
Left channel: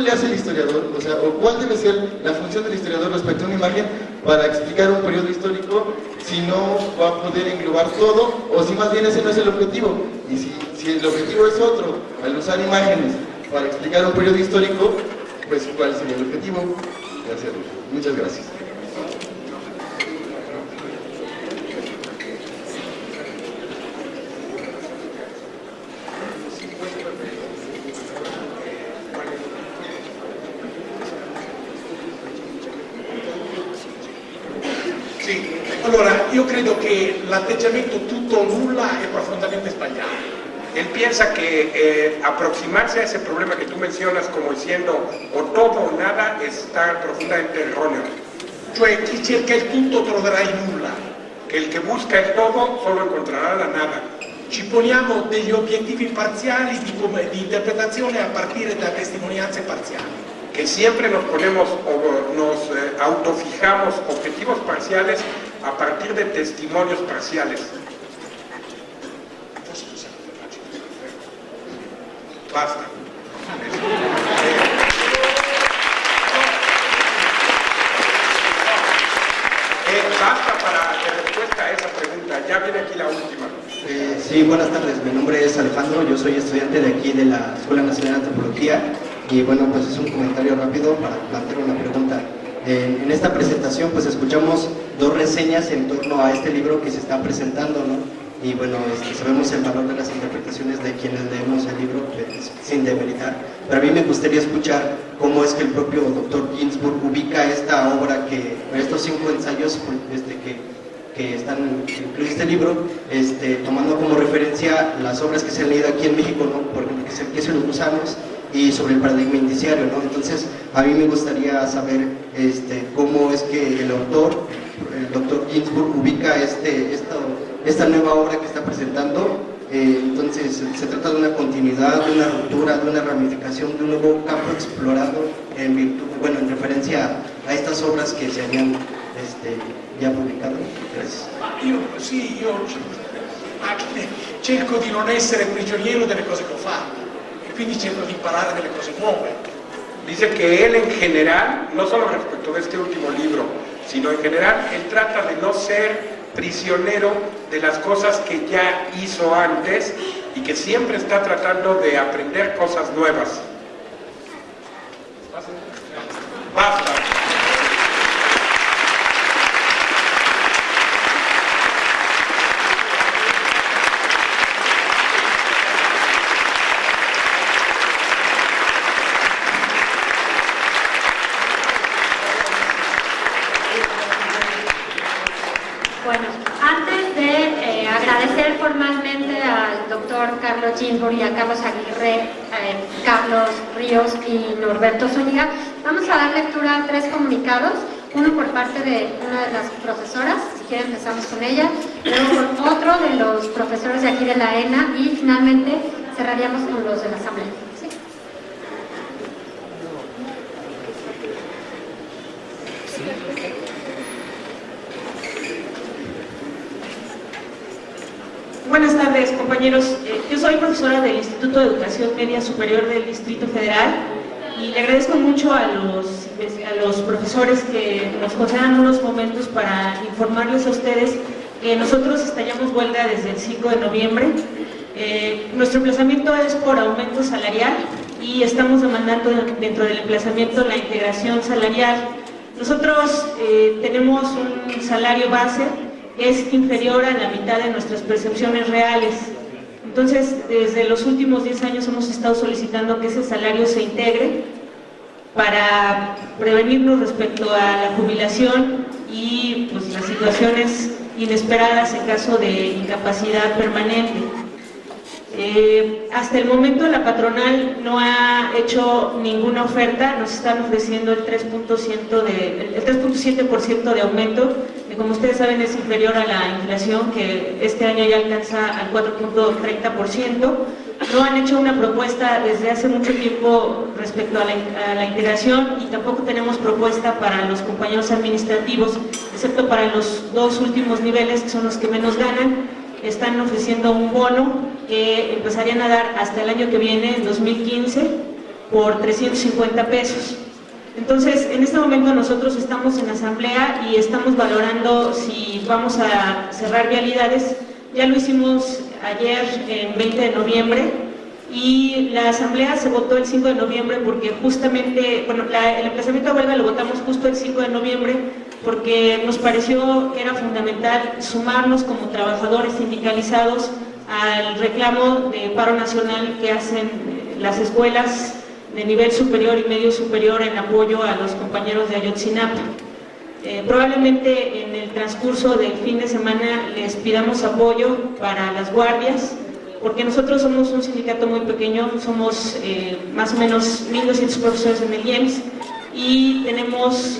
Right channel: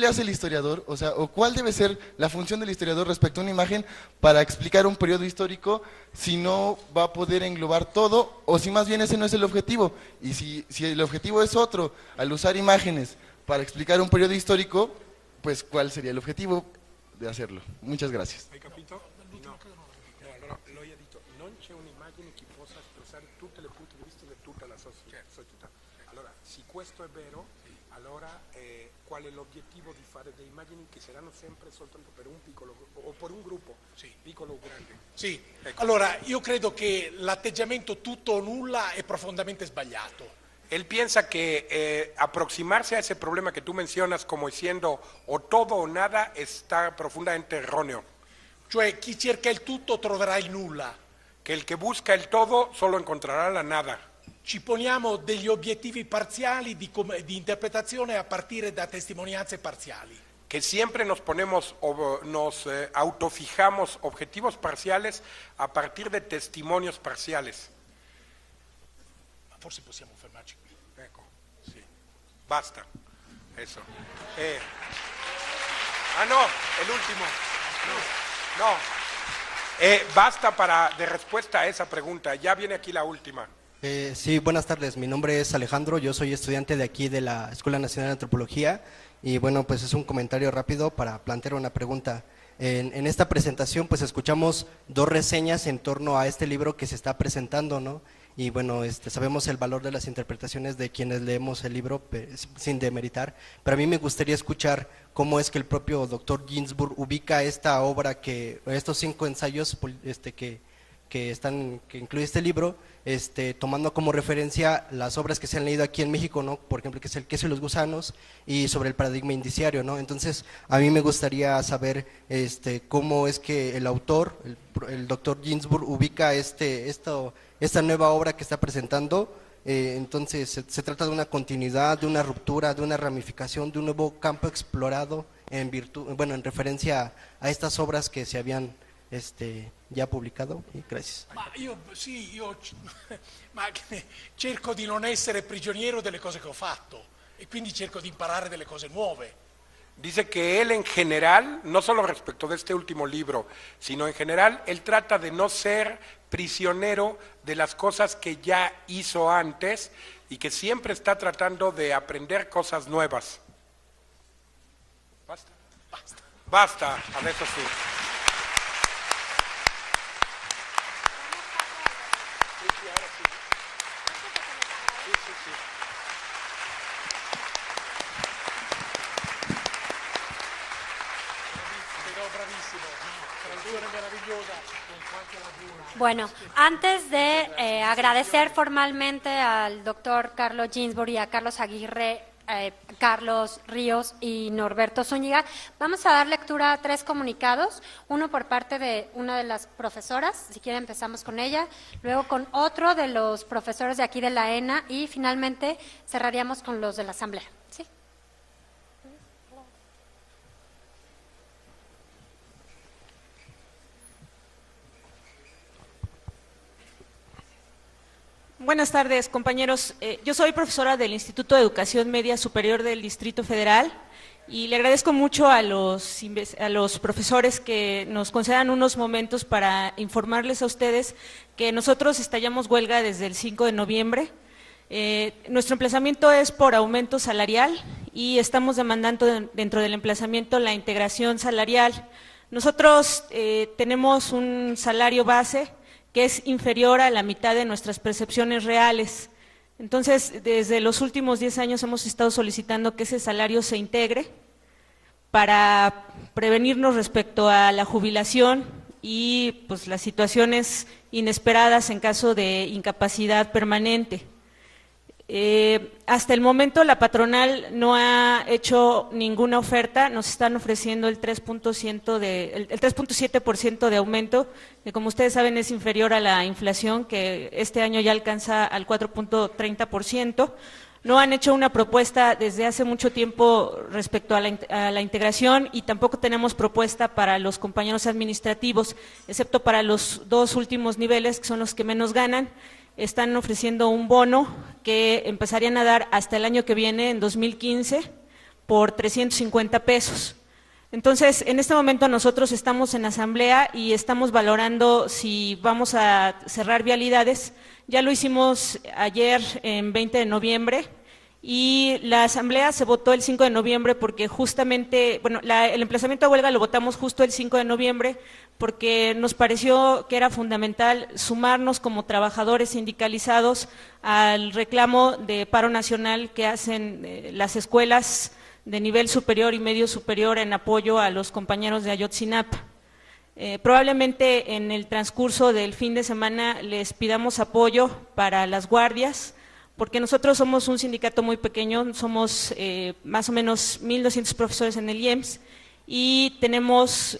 le hace el historiador? O sea, ¿cuál debe ser la función del historiador respecto a una imagen para explicar un periodo histórico si no va a poder englobar todo, o si más bien ese no es el objetivo? Y si el objetivo es otro, al usar imágenes para explicar un periodo histórico, pues ¿cuál sería el objetivo de hacerlo? Muchas gracias. Allora, io credo che l'atteggiamento tutto o nulla è profondamente sbagliato. Él piensa que aproximarse a ese problema que tú mencionas como diciendo o todo o nada está profundamente erróneo. Cioè chi cerca il tutto troverà il nulla. Que el que busca el todo solo encontrará la nada. Ci poniamo degli obiettivi parziali di interpretazione a partire da testimonianze parziali. Que siempre nos ponemos o nos autofijamos objetivos parciales a partir de testimonios parciales. Basta. Basta para la respuesta a esa pregunta. Ya viene aquí la última. Sí, buenas tardes. Mi nombre es Alejandro. Yo soy estudiante de aquí de la Escuela Nacional de Antropología. Y bueno, pues es un comentario rápido para plantear una pregunta. En esta presentación pues escuchamos dos reseñas en torno a este libro que se está presentando, ¿no? Y bueno, sabemos el valor de las interpretaciones de quienes leemos el libro, pues, sin demeritar, pero a mí me gustaría escuchar cómo es que el propio doctor Ginsburg ubica esta obra, estos 5 ensayos que están en este libro, tomando como referencia las obras que se han leído aquí en México, ¿no? Por el queso y los gusanos y sobre el paradigma indiciario, ¿no? Entonces, a mí me gustaría saber cómo es que el autor, el doctor Ginsburg, ubica esta nueva obra que está presentando. Entonces, se trata de una continuidad, de una ruptura, de una ramificación, de un nuevo campo explorado en referencia a estas obras que se habían ya publicado. Io cerco di non essere prigioniero delle cose che ho fatto e quindi cerco di imparare delle cose nuove. Dice que él en general, no solo respecto de este último libro, sino en general, él trata de no ser prisionero de las cosas que ya hizo antes y que siempre está tratando de aprender cosas nuevas. Basta. Iboria, Carlos Aguirre, Carlos Ríos y Norberto Zúñiga. Vamos a dar lectura a 3 comunicados, uno por parte de una de las profesoras, si quieren empezamos con ella, luego por otro de los profesores de aquí de la ENA y finalmente cerraríamos con los de la Asamblea. ¿Sí? Buenas tardes, compañeros. Yo soy profesora del Instituto de Educación Media Superior del Distrito Federal y le agradezco mucho a los profesores que nos concedan unos momentos para informarles a ustedes que nosotros estaríamos huelga desde el 5 de noviembre. Nuestro emplazamiento es por aumento salarial y estamos demandando dentro del emplazamiento la integración salarial. Nosotros tenemos un salario base que es inferior a la mitad de nuestras percepciones reales. Entonces, desde los últimos 10 años hemos estado solicitando que ese salario se integre para prevenirnos respecto a la jubilación y pues, las situaciones inesperadas en caso de incapacidad permanente. Hasta el momento la patronal no ha hecho ninguna oferta, nos están ofreciendo el 3.7% de aumento, que como ustedes saben es inferior a la inflación, que este año ya alcanza al 4.30%. No han hecho una propuesta desde hace mucho tiempo respecto a la integración y tampoco tenemos propuesta para los compañeros administrativos, excepto para los 2 últimos niveles, que son los que menos ganan. Están ofreciendo un bono que empezarían a dar hasta el año que viene, en 2015, por 350 pesos. Entonces, en este momento nosotros estamos en asamblea y estamos valorando si vamos a cerrar vialidades. Ya lo hicimos ayer, en 20 de noviembre, y la asamblea se votó el 5 de noviembre porque justamente, bueno, el emplazamiento a huelga lo votamos justo el 5 de noviembre porque nos pareció que era fundamental sumarnos como trabajadores sindicalizados al reclamo de paro nacional que hacen las escuelas de nivel superior y medio superior en apoyo a los compañeros de Ayotzinapa. Probablemente en el transcurso del fin de semana les pidamos apoyo para las guardias, porque nosotros somos un sindicato muy pequeño, somos más o menos 1.200 profesores en el IEMS y tenemos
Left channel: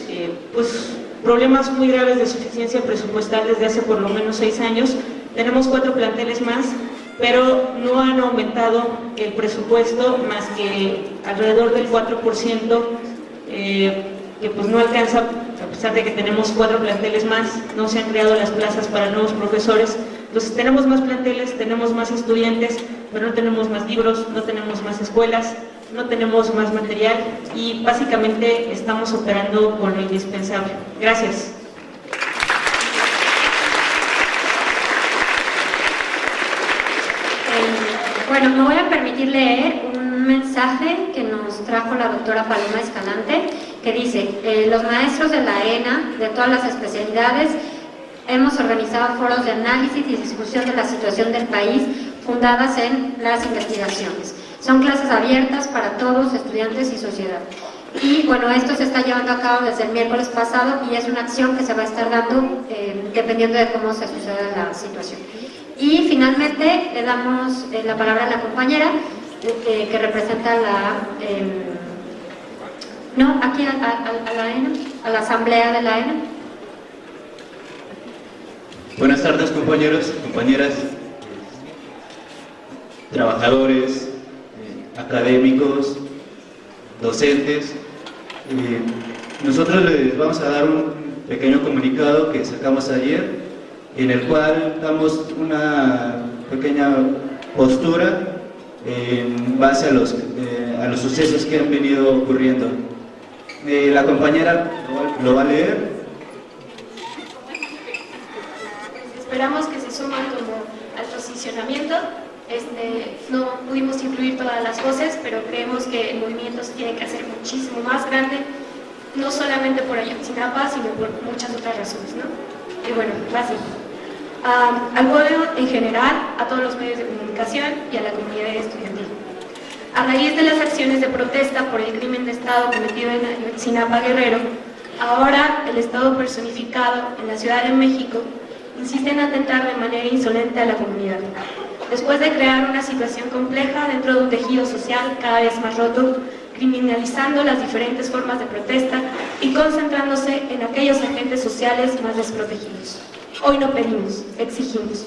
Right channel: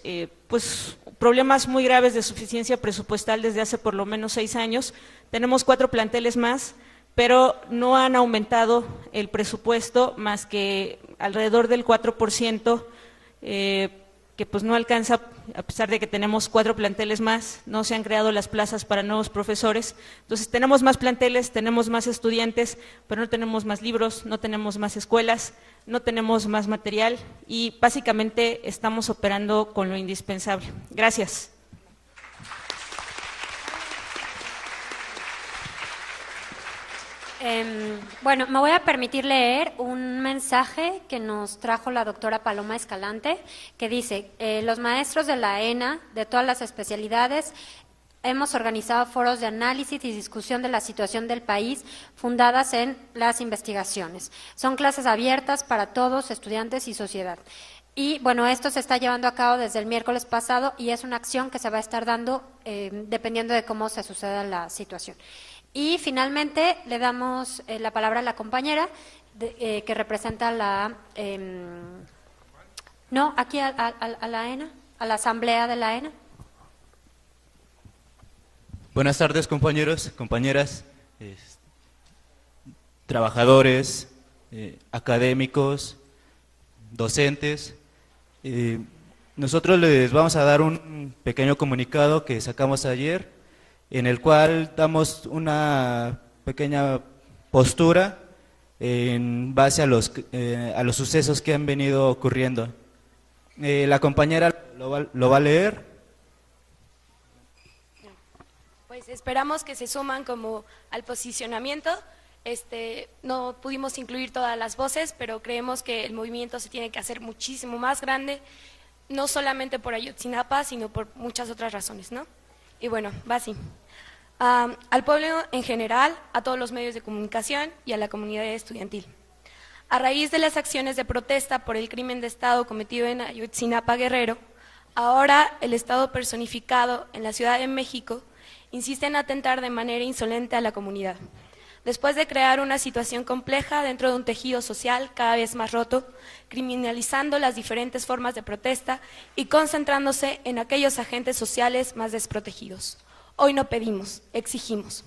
pues, problemas muy graves de suficiencia presupuestal desde hace por lo menos 6 años. Tenemos 4 planteles más, pero no han aumentado el presupuesto más que alrededor del 4%, que pues no alcanza, a pesar de que tenemos 4 planteles más, no se han creado las plazas para nuevos profesores. Entonces tenemos más planteles, tenemos más estudiantes, pero no tenemos más libros, no tenemos más escuelas, no tenemos más material y básicamente estamos operando con lo indispensable. Gracias. Bueno, me voy a permitir leer un mensaje que nos trajo la doctora Paloma Escalante, que dice: los maestros de la ENA, de todas las especialidades, hemos organizado foros de análisis y discusión de la situación del país fundadas en las investigaciones. Son clases abiertas para todos, estudiantes y sociedad. Y bueno, esto se está llevando a cabo desde el miércoles pasado y es una acción que se va a estar dando dependiendo de cómo se suceda la situación. Y finalmente le damos la palabra a la compañera que representa la... no, aquí a la ENA, a la asamblea de la ENA. Buenas tardes, compañeros, compañeras, trabajadores, académicos, docentes. Nosotros les vamos a dar un pequeño comunicado que sacamos ayer, en el cual damos una pequeña postura en base a los sucesos que han venido ocurriendo. La compañera lo va a leer. Esperamos que se suman como al posicionamiento. No pudimos incluir todas las voces, pero creemos que el movimiento se tiene que hacer muchísimo más grande, no solamente por Ayotzinapa, sino por muchas otras razones, ¿no? Y bueno, así. Al pueblo en general, a todos los medios de comunicación y a la comunidad estudiantil. A raíz de las acciones de protesta por el crimen de Estado cometido en Ayotzinapa, Guerrero, ahora el Estado personificado en la Ciudad de México insiste en atentar de manera insolente a la comunidad. después de crear una situación compleja dentro de un tejido social cada vez más roto, criminalizando las diferentes formas de protesta y concentrándose en aquellos agentes sociales más desprotegidos. Hoy lo pedimos, exigimos.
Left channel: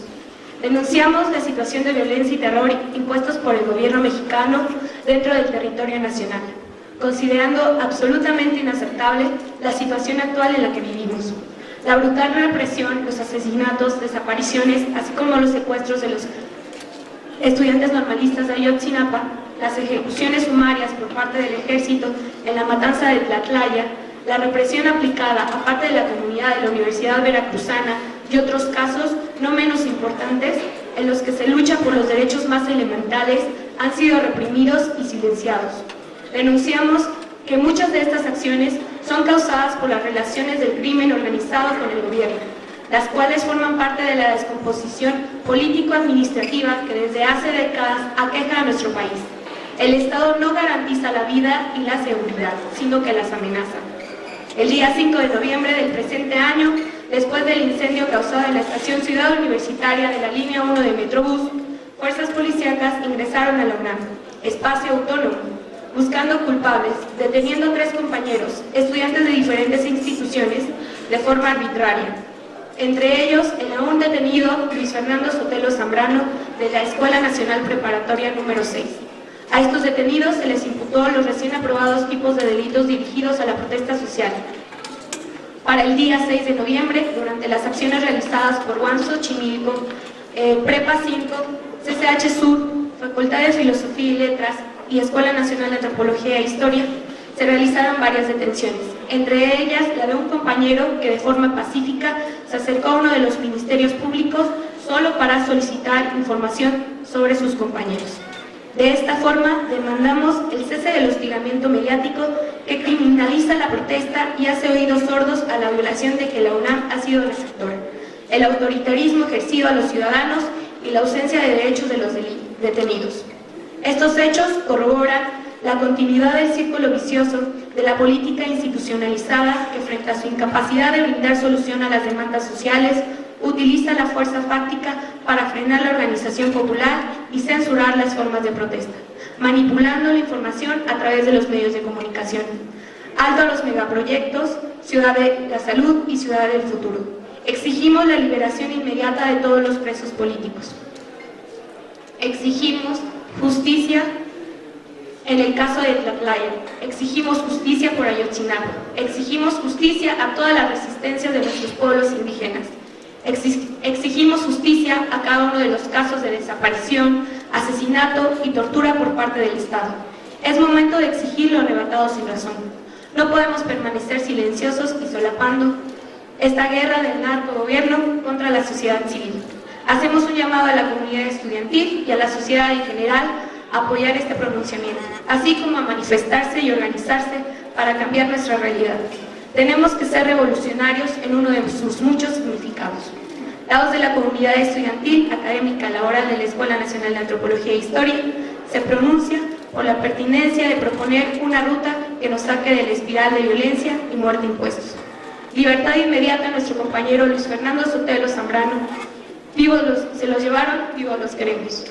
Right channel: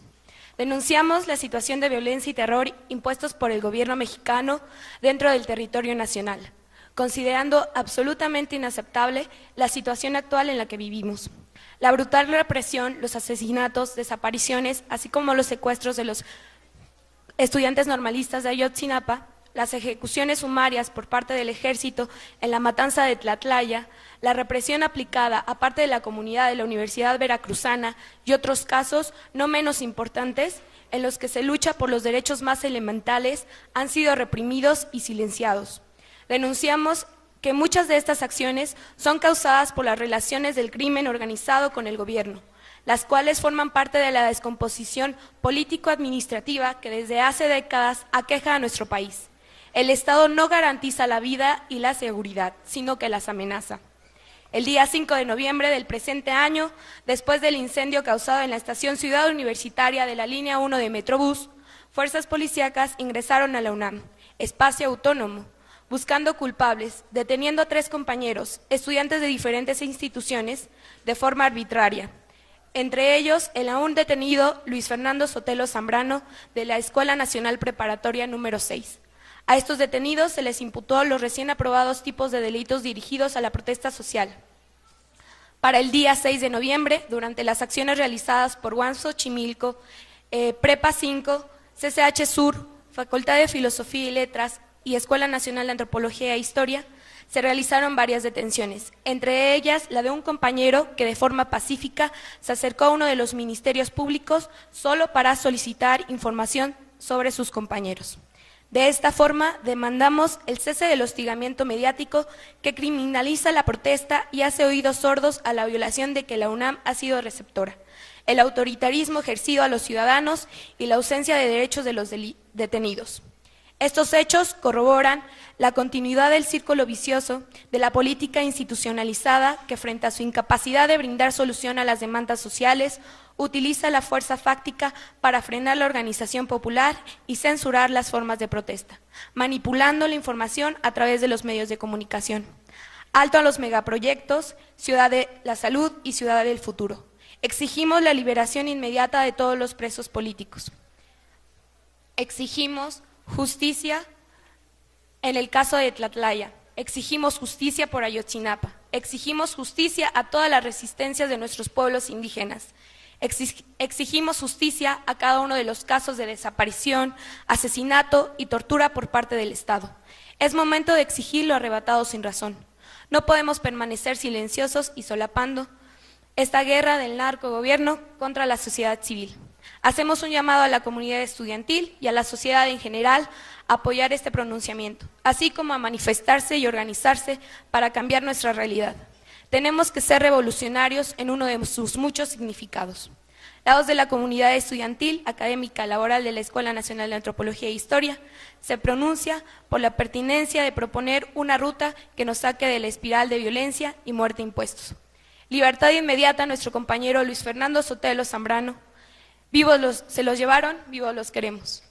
Denunciamos la situación de violencia y terror impuestos por el gobierno mexicano dentro del territorio nacional, considerando absolutamente inaceptable la situación actual en la que vivimos. La brutal represión, los asesinatos, desapariciones, así como los secuestros de los estudiantes normalistas de Ayotzinapa, las ejecuciones sumarias por parte del ejército en la matanza de Tlatlaya, la represión aplicada a parte de la comunidad de la Universidad Veracruzana y otros casos no menos importantes en los que se lucha por los derechos más elementales han sido reprimidos y silenciados. Denunciamos que muchas de estas acciones son causadas por las relaciones del crimen organizado con el gobierno, las cuales forman parte de la descomposición político-administrativa que desde hace décadas aqueja a nuestro país. El Estado no garantiza la vida y la seguridad, sino que las amenaza. El día 5 de noviembre del presente año, después del incendio causado en la estación Ciudad Universitaria de la línea 1 de Metrobús, fuerzas policíacas ingresaron a la UNAM, espacio autónomo, buscando culpables, deteniendo a 3 compañeros, estudiantes de diferentes instituciones, de forma arbitraria. Entre ellos, el aún detenido Luis Fernando Sotelo Zambrano, de la Escuela Nacional Preparatoria número 6. A estos detenidos se les imputó los recién aprobados tipos de delitos dirigidos a la protesta social. Para el día 6 de noviembre, durante las acciones realizadas por Guanzo, Chimilco, Prepa 5, CCH Sur, Facultad de Filosofía y Letras y Escuela Nacional de Antropología e Historia, se realizaron varias detenciones. Entre ellas, la de un compañero que de forma pacífica se acercó a uno de los ministerios públicos solo para solicitar información sobre sus compañeros. De esta forma, demandamos el cese del hostigamiento mediático que criminaliza la protesta y hace oídos sordos a la violación de que la UNAM ha sido receptora, el autoritarismo ejercido a los ciudadanos y la ausencia de derechos de los detenidos. Estos hechos corroboran la continuidad del círculo vicioso de la política institucionalizada que, frente a su incapacidad de brindar solución a las demandas sociales, utiliza la fuerza fáctica para frenar la organización popular y censurar las formas de protesta, manipulando la información a través de los medios de comunicación. Alto a los megaproyectos, Ciudad de la Salud y Ciudad del Futuro. Exigimos la liberación inmediata de todos los presos políticos. Exigimos justicia en el caso de Tlatlaya. Exigimos justicia por Ayotzinapa. Exigimos justicia a toda la resistencia de nuestros pueblos indígenas. Exigimos justicia a cada uno de los casos de desaparición, asesinato y tortura por parte del Estado. Es momento de exigir lo arrebatado sin razón. No podemos permanecer silenciosos y solapando esta guerra del narcogobierno contra la sociedad civil. Hacemos un llamado a la comunidad estudiantil y a la sociedad en general a apoyar este pronunciamiento, así como a manifestarse y organizarse para cambiar nuestra realidad. Tenemos que ser revolucionarios en uno de sus muchos significados. La voz de la comunidad estudiantil, académica, laboral de la Escuela Nacional de Antropología e Historia se pronuncia por la pertinencia de proponer una ruta que nos saque de la espiral de violencia y muerte impuestos. Libertad inmediata a nuestro compañero Luis Fernando Sotelo Zambrano. Vivos se los llevaron, vivos los queremos.